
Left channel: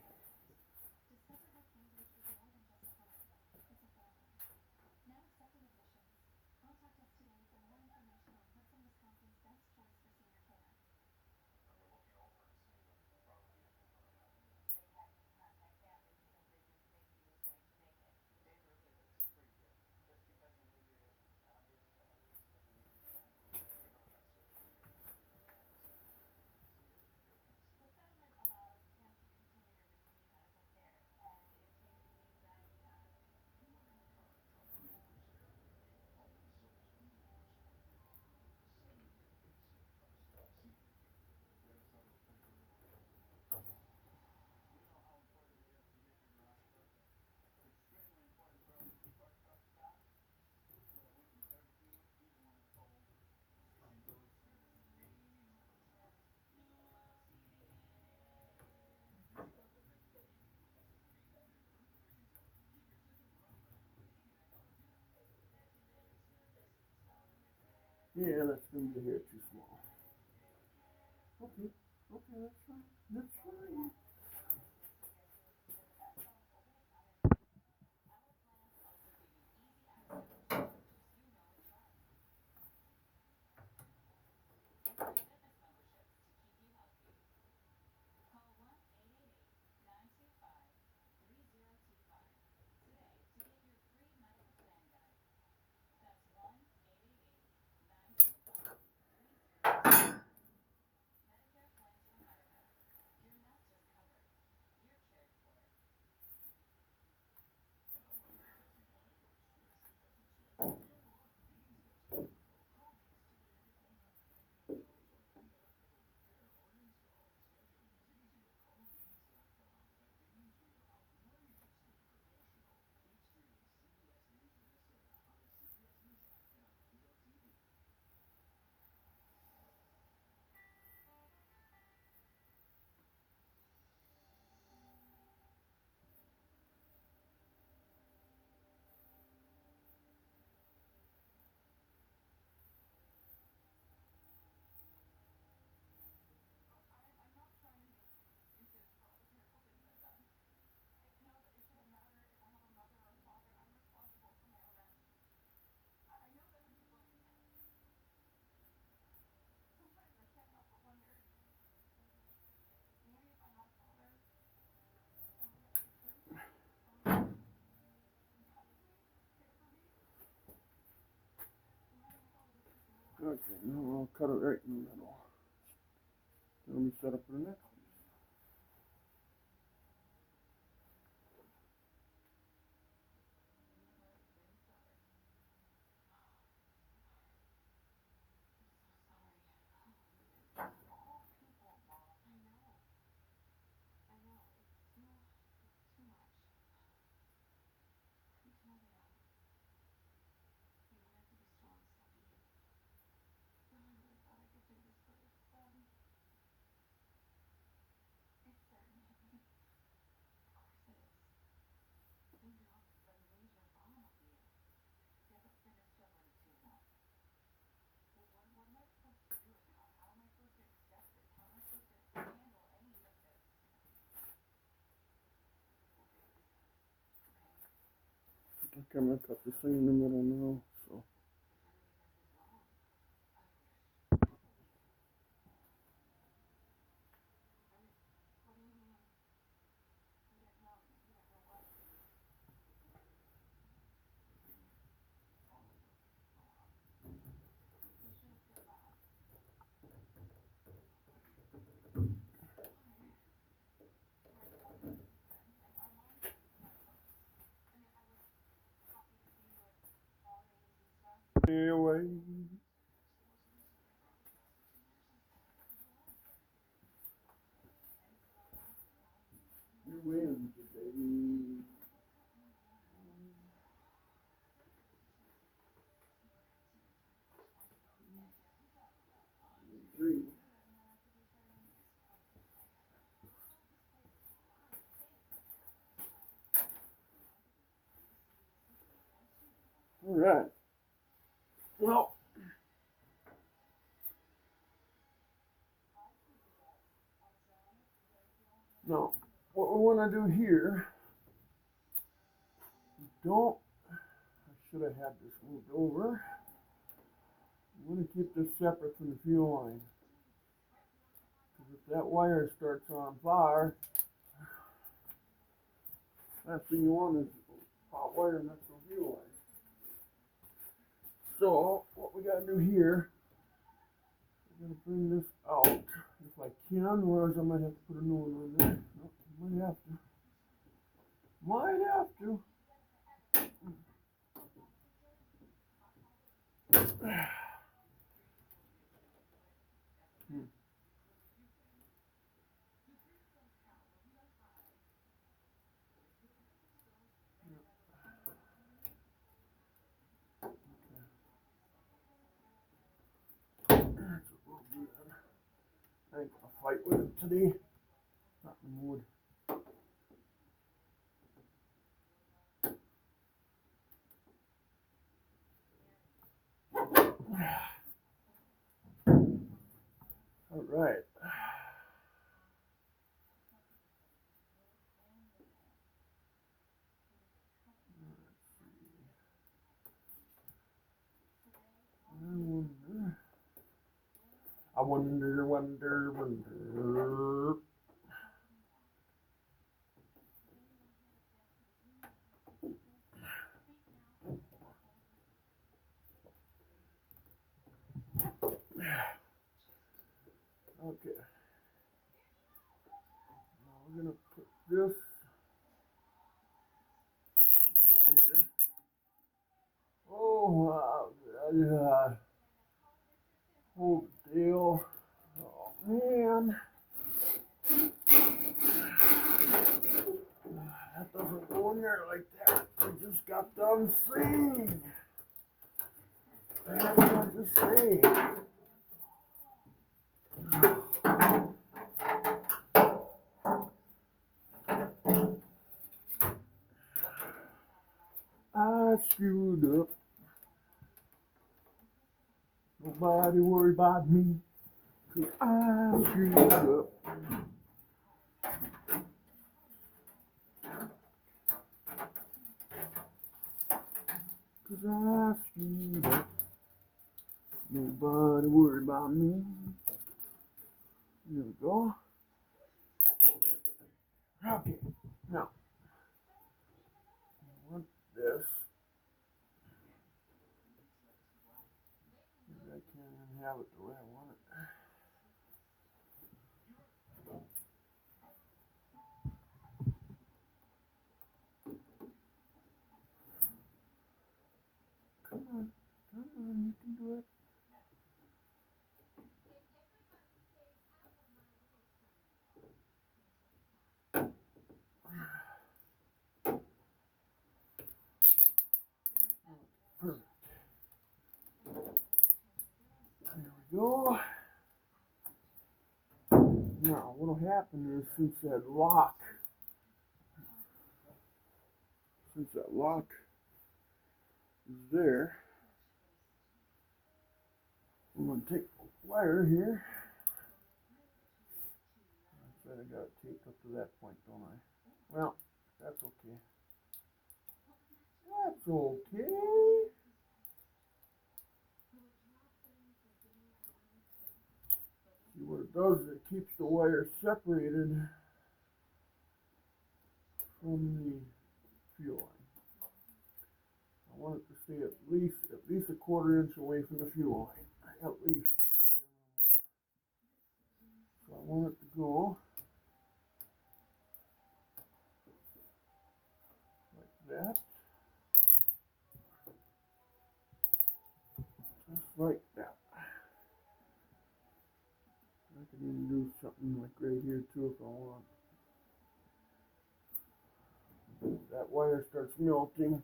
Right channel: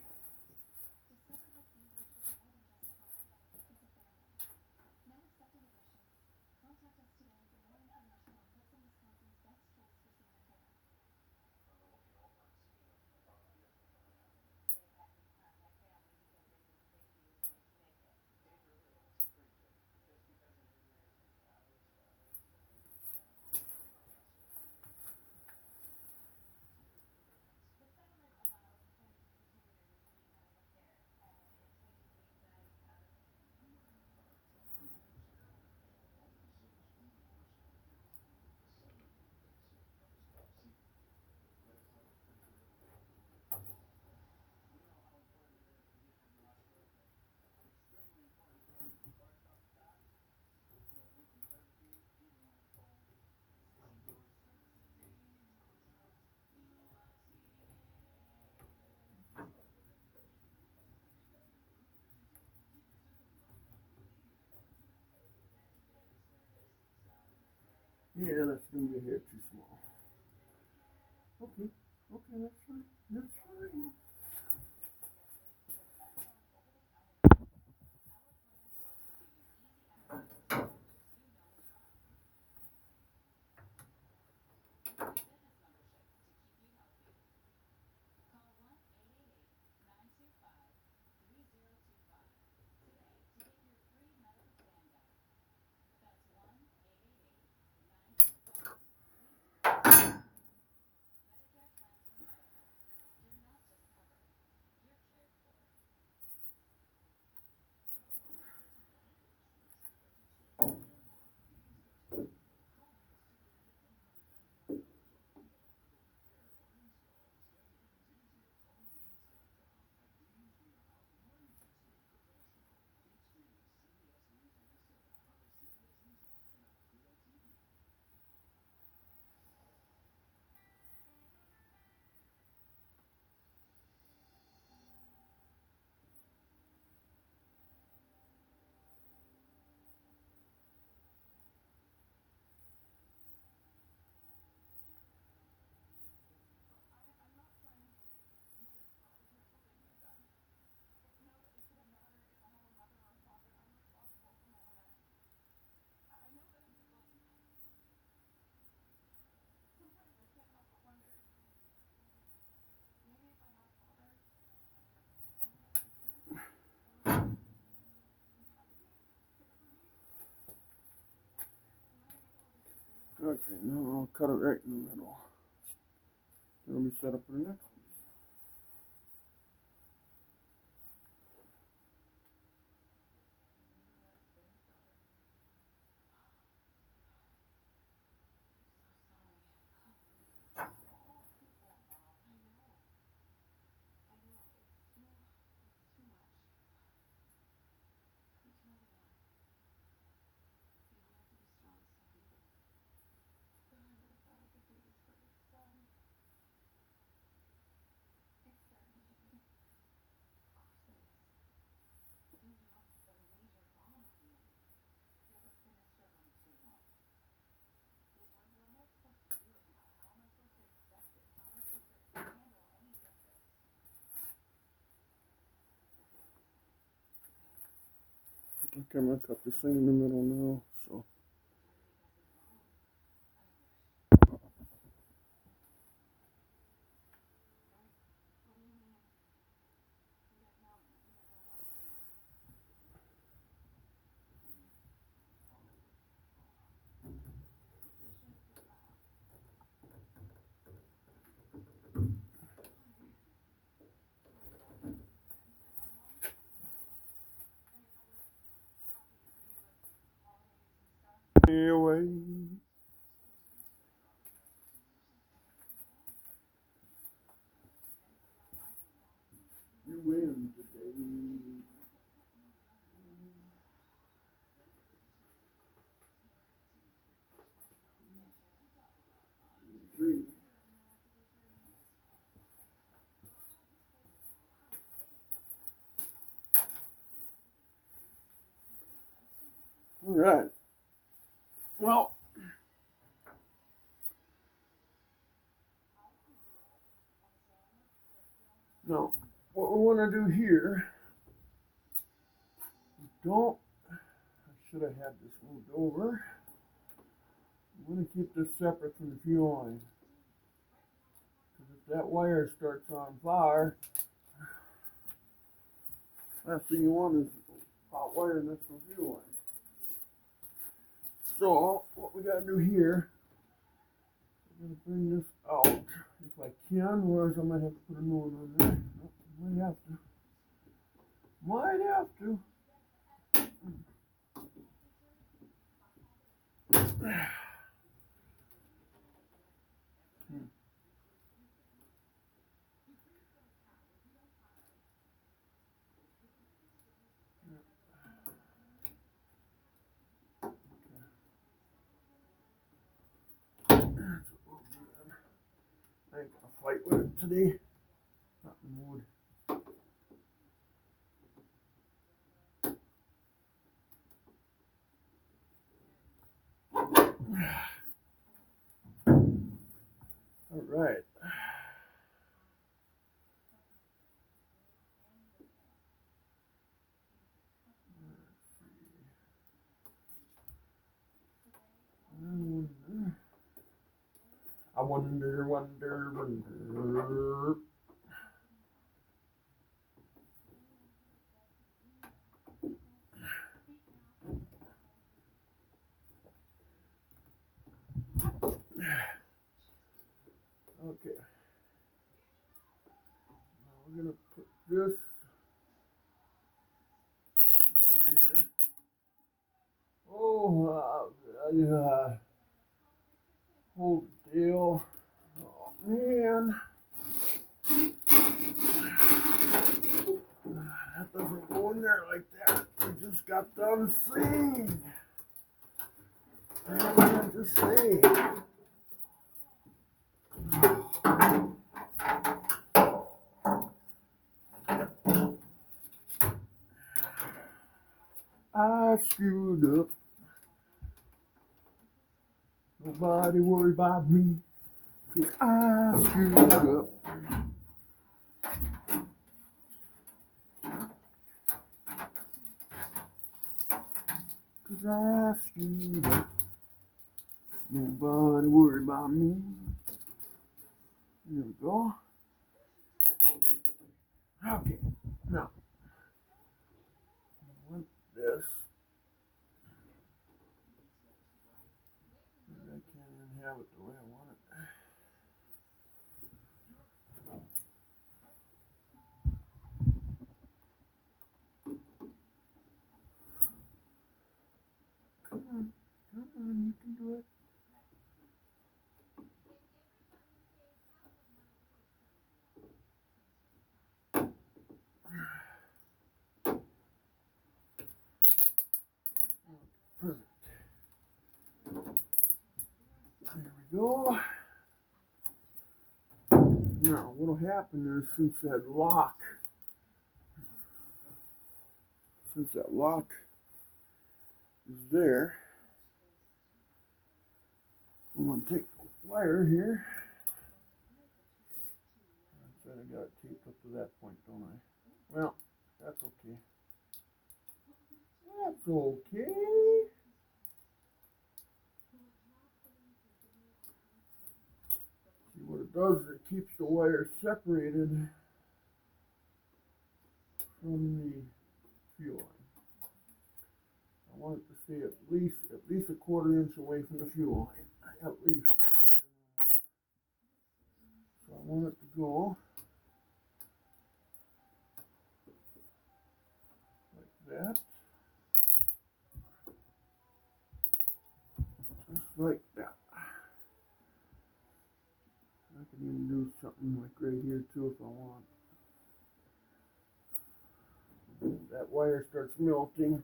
Yeah, that's gonna be a hair too small. Okay, okay, that's fine. That's fine. Okay, now I'll cut it right in the middle. Let me set up for the next one. Okay, I'm gonna cut this thing in the middle now. So. Away. You win today. 3. All right. Well, no. what we want to do here, don't, I should have had this moved over. I'm going to keep this separate from the fuel line. Because if that wire starts on fire, last thing you want is hot wire in this fuel line. So what we got to do here, I'm going to bring this out if I can, whereas I might have to put a new one on there. Oh, might have to. Might have to. That's what we'll do then. I ain't gonna fight with it today. Not in the mood. All right. I wonder. Okay. Now we're gonna put this over here. Oh, whole deal. Oh man, that doesn't go in there like that. We just got done saying. I have to say. I screwed up. Nobody worry about me, 'cause I screwed up. 'Cause I screwed up. Nobody worry about me. There we go. Okay, now I want this. Maybe I can't even have it the way I want it. Come on, you can do it. Perfect. There we go. Now, what'll happen is since that lock is there, I'm going to take the wire here. I said I got it taped up to that point, don't I? Well, that's okay. That's okay. See what it does is it keeps the wire separated from the fuel line. I want it to stay at least a quarter inch away from the fuel line, at least. So I want it to go like that, just like that. I can even do something like right here too if I want. That wire starts melting.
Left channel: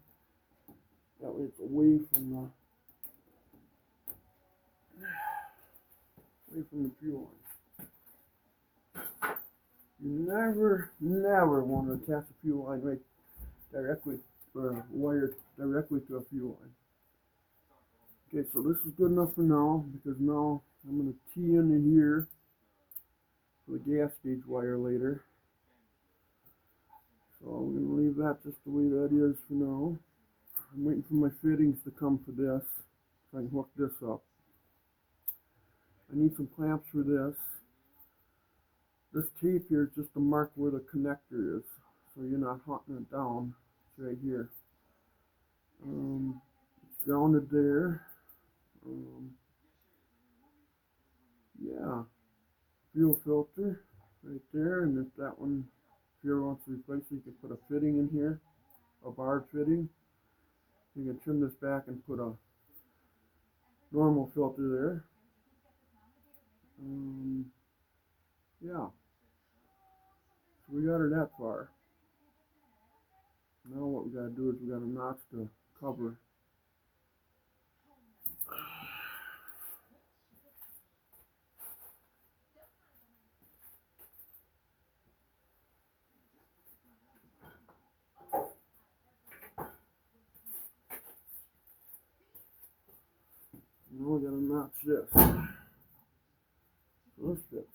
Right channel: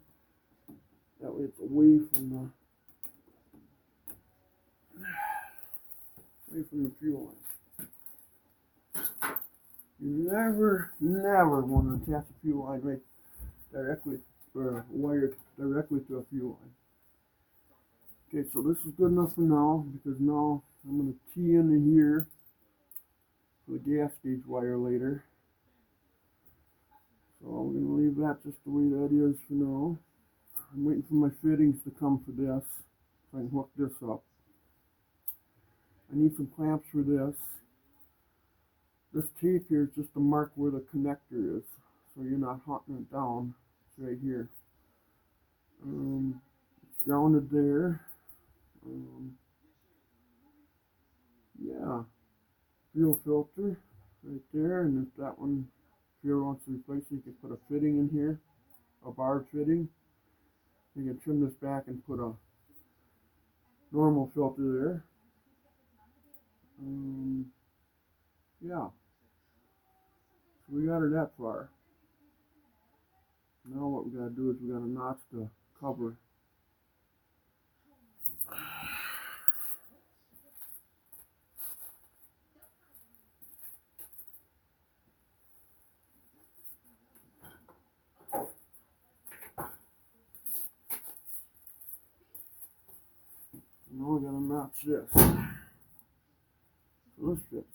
That way it's away from the fuel line. You never want to attach a fuel line right directly, or a wire directly to a fuel line. Okay, so this is good enough for now, because now I'm going to tee into here for the gas gauge wire later. that just the way that is for now. I'm waiting for my fittings to come for this, so I can hook this up. I need some clamps for this. This tape here is just to mark where the connector is, so you're not hunting it down. It's right here. It's grounded there. Yeah, fuel filter right there, and if that one, if you ever want to replace it, you can put a fitting in here, a barred fitting. You can trim this back and put a normal filter there. Yeah, so we got her that far. Now what we gotta do is we gotta notch the cover. Now we gotta notch this. So this fits.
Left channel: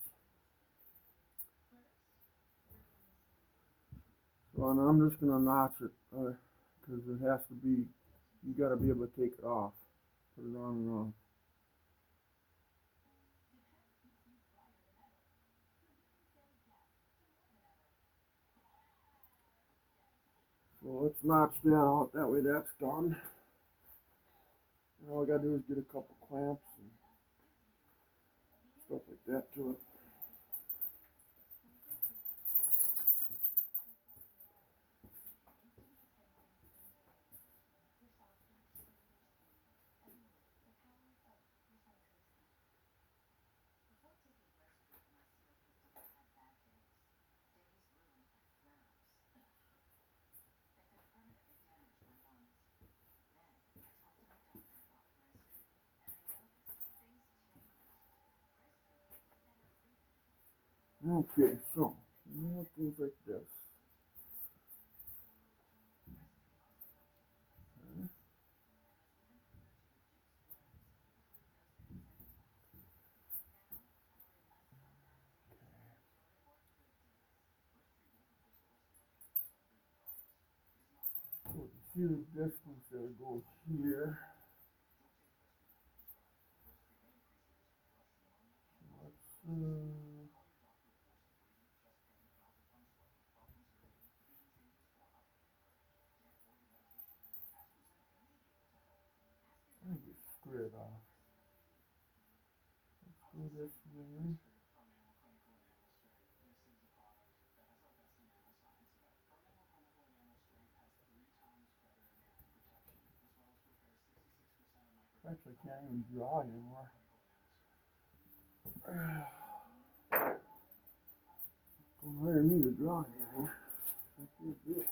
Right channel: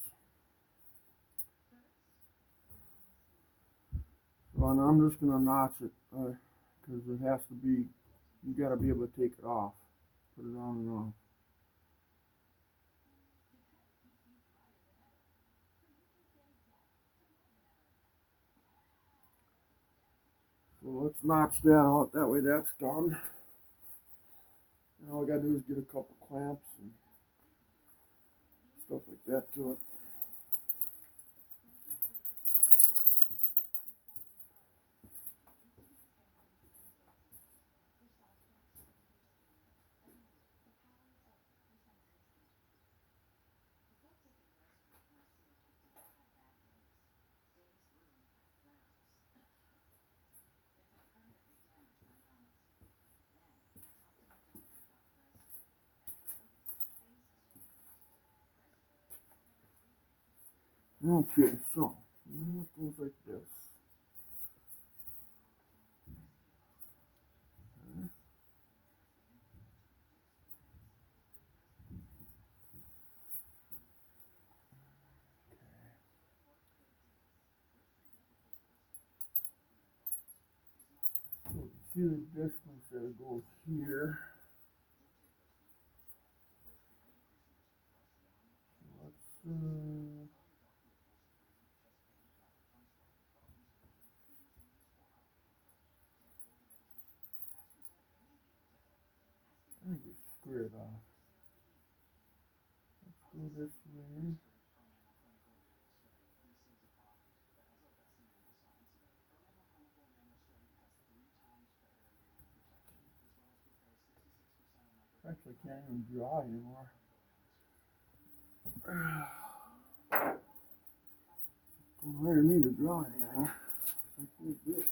So and I'm just gonna notch it because it has to be. You gotta be able to take it off, put it on and off. So let's notch that out. That way that's done. And all we gotta do is get a couple clamps and stuff like that to it. Okay, so it goes like this. So you see the distance that goes here. So let's I think we square it off. Let's go this way. Actually, I can't even draw anymore. Don't hire me to draw anything. I can't do it.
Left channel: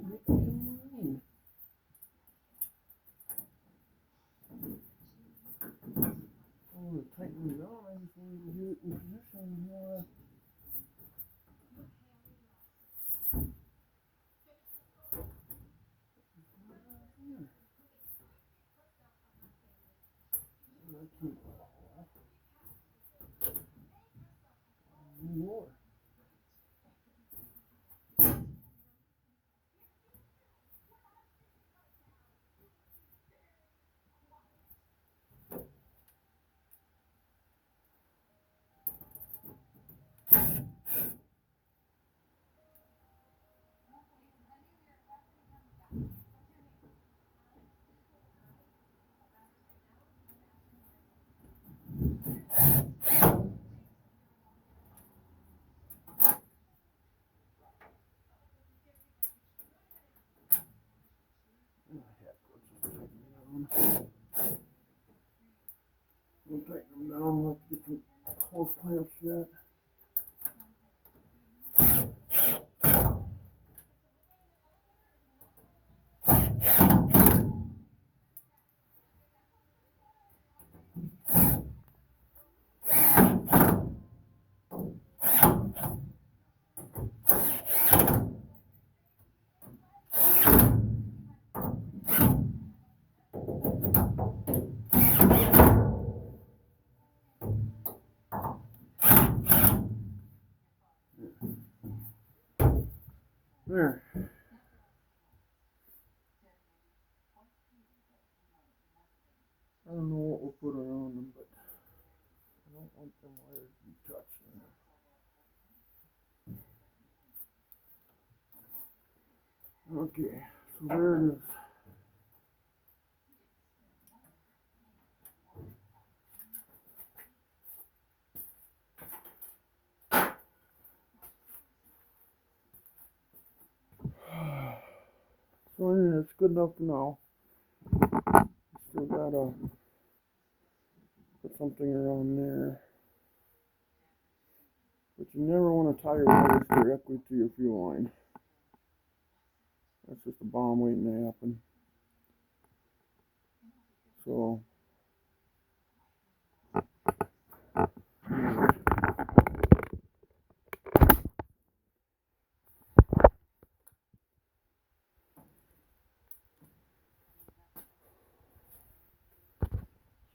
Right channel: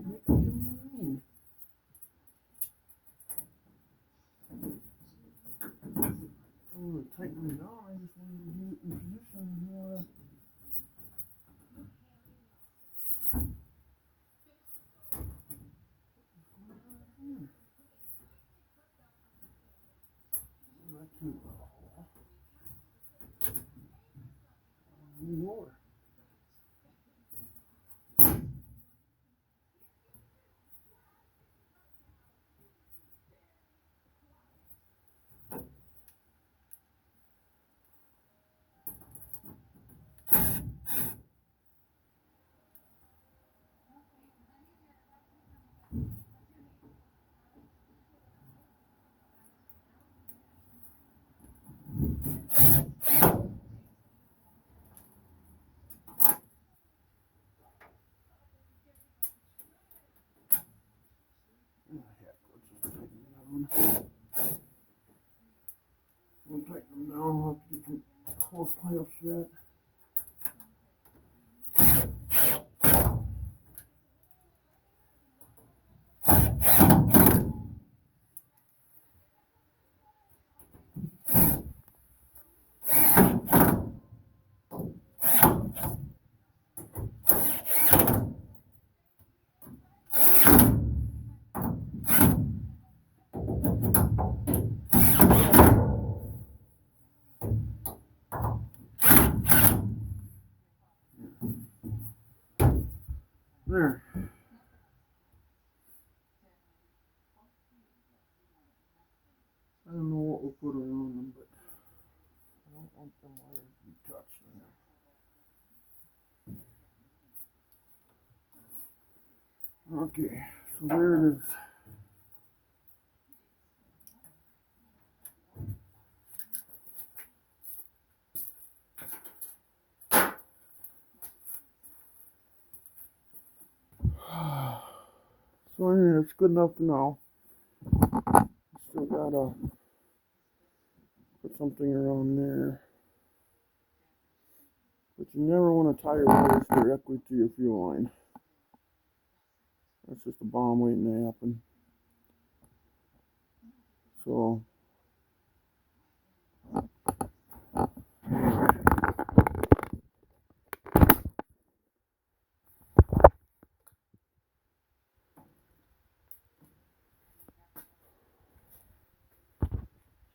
Make up your mind. I'm going to tighten it down. I just need to get it in position. More. We'll tighten them down. We'll have to get some close clamps yet. There. I don't know what we'll put around them, but I don't want them wires to be touched. Okay, so there it is. So anyway, it's good enough for now. Still gotta put something around there. But you never want to tie your wires directly to your fuel line. That's just a bomb waiting to happen. So anyway.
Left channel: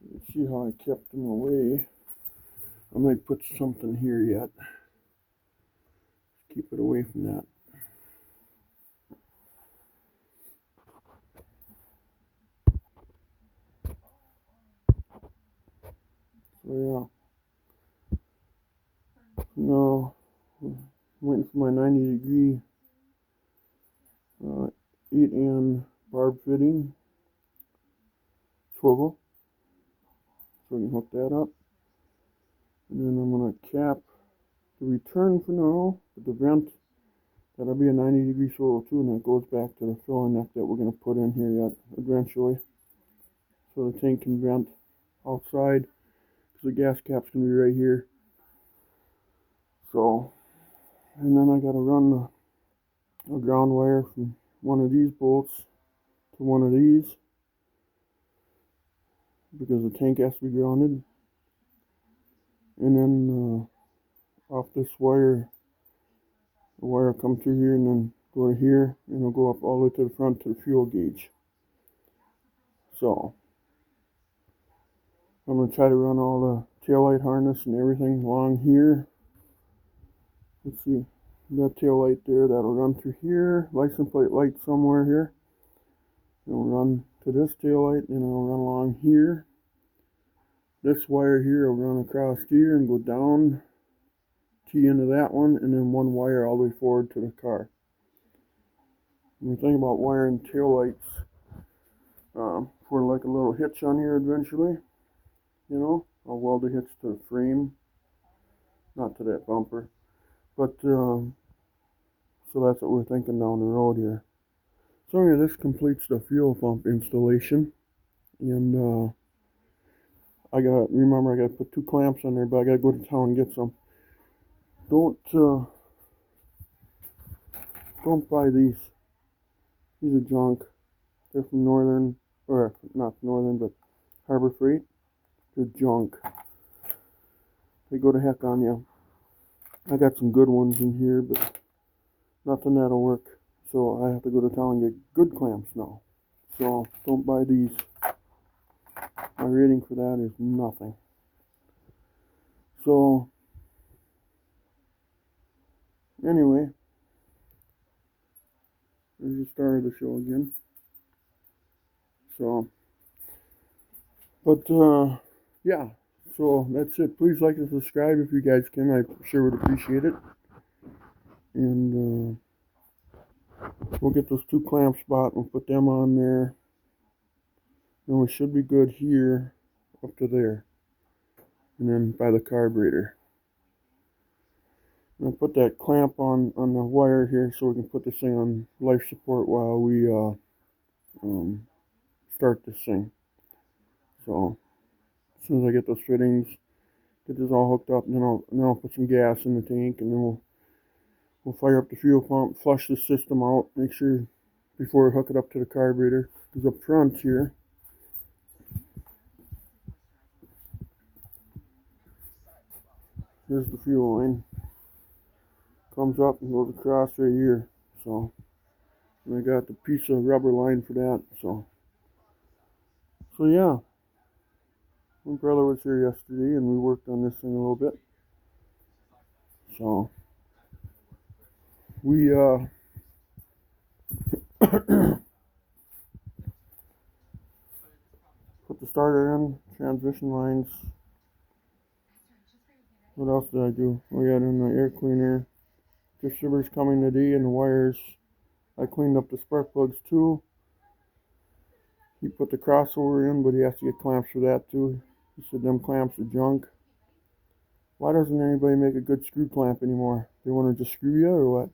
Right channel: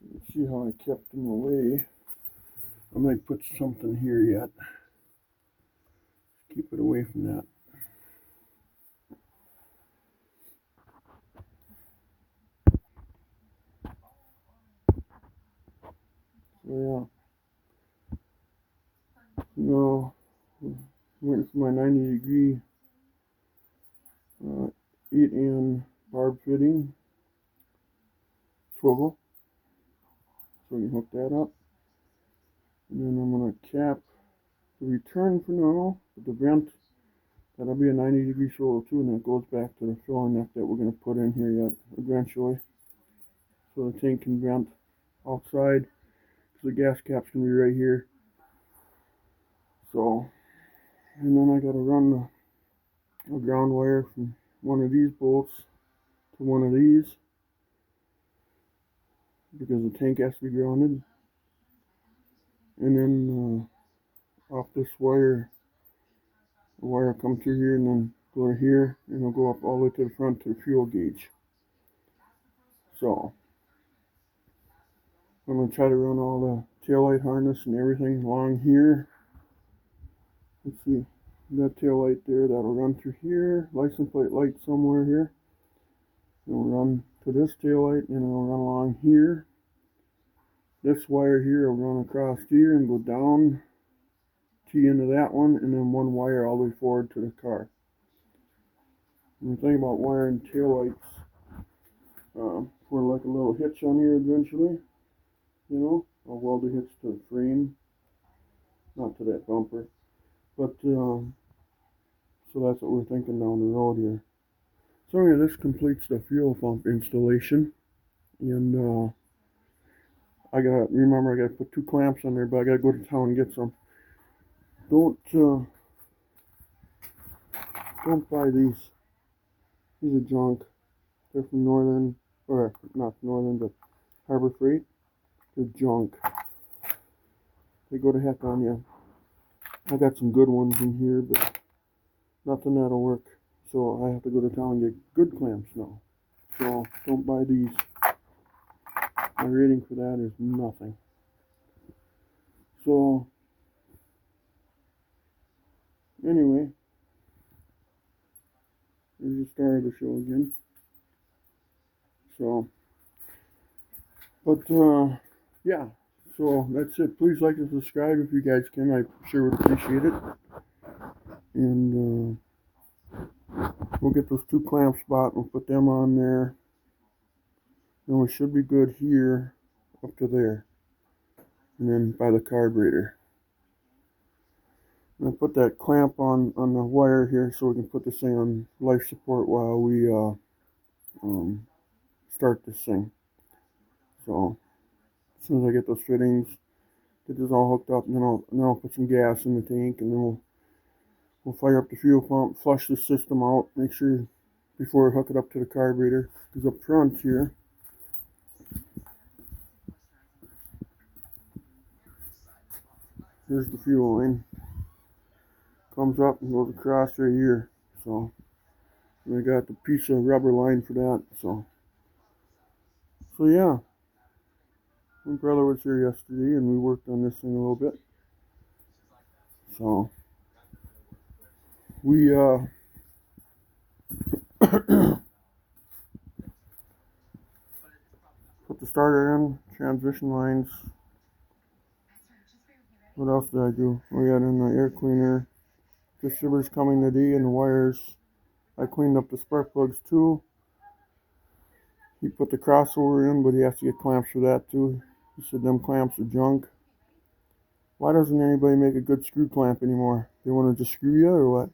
You see how I kept them away. I might put something here yet. Keep it away from that. So yeah. No, I'm waiting for my 90-degree 8N barb fitting swivel, so we can hook that up. And then I'm going to cap the return for now, but the vent, that'll be a 90-degree swivel too, and that goes back to the filler neck that we're going to put in here yet eventually. So the tank can vent outside, because the gas cap's going to be right here. So, and then I got to run a ground wire from one of these bolts to one of these, because the tank has to be grounded. And then off this wire, the wire will come through here and then go to here, and it'll go up all the way to the front to the fuel gauge. So I'm going to try to run all the taillight harness and everything along here. Let's see, that taillight there, that'll run through here, license plate light somewhere here. It'll run to this taillight, and it'll run along here. This wire here will run across here and go down, tee into that one, and then one wire all the way forward to the car. When you think about wiring taillights, for like a little hitch on here eventually, you know, I'll weld the hitch to the frame, not to that bumper, but so that's what we're thinking down the road here. So anyway, this completes the fuel pump installation, and I gotta put 2 clamps on there, but I gotta go to town and get some. Don't buy these These are junk. They're from Northern, or not Northern, but Harbor Freight. They're junk. They go to heck on you. I got some good ones in here, but nothing that'll work. So I have to go to town and get good clamps now. So don't buy these. My rating for that is nothing. So anyway, there's the start of the show again. So, but yeah. So that's it. Please like and subscribe if you guys can. I sure would appreciate it. And we'll get those two clamps bought. We'll put them on there. Then we should be good here up to there. And then by the carburetor. And I'll put that clamp on the wire here so we can put this thing on life support while we start this thing. So as soon as I get those fittings, get this all hooked up, and then I'll put some gas in the tank, and then we'll fire up the fuel pump, flush the system out, make sure before we hook it up to the carburetor. Because up front here, here's the fuel line. Comes up and goes across right here. So and I got the piece of rubber line for that. So yeah. My brother was here yesterday and we worked on this thing a little bit. So we put the starter in, transmission lines. What else did I do? We got in the air cleaner. Distributor's coming today and the wires. I cleaned up the spark plugs too. He put the crossover in, but he has to get clamps for that too. He said them clamps are junk. Why doesn't anybody make a good screw clamp anymore? They want to just screw you or what?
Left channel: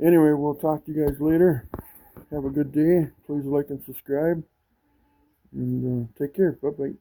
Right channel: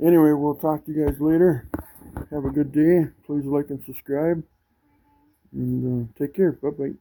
Anyway, we'll talk to you guys later. Have a good day. Please like and subscribe. And take care. Bye-bye.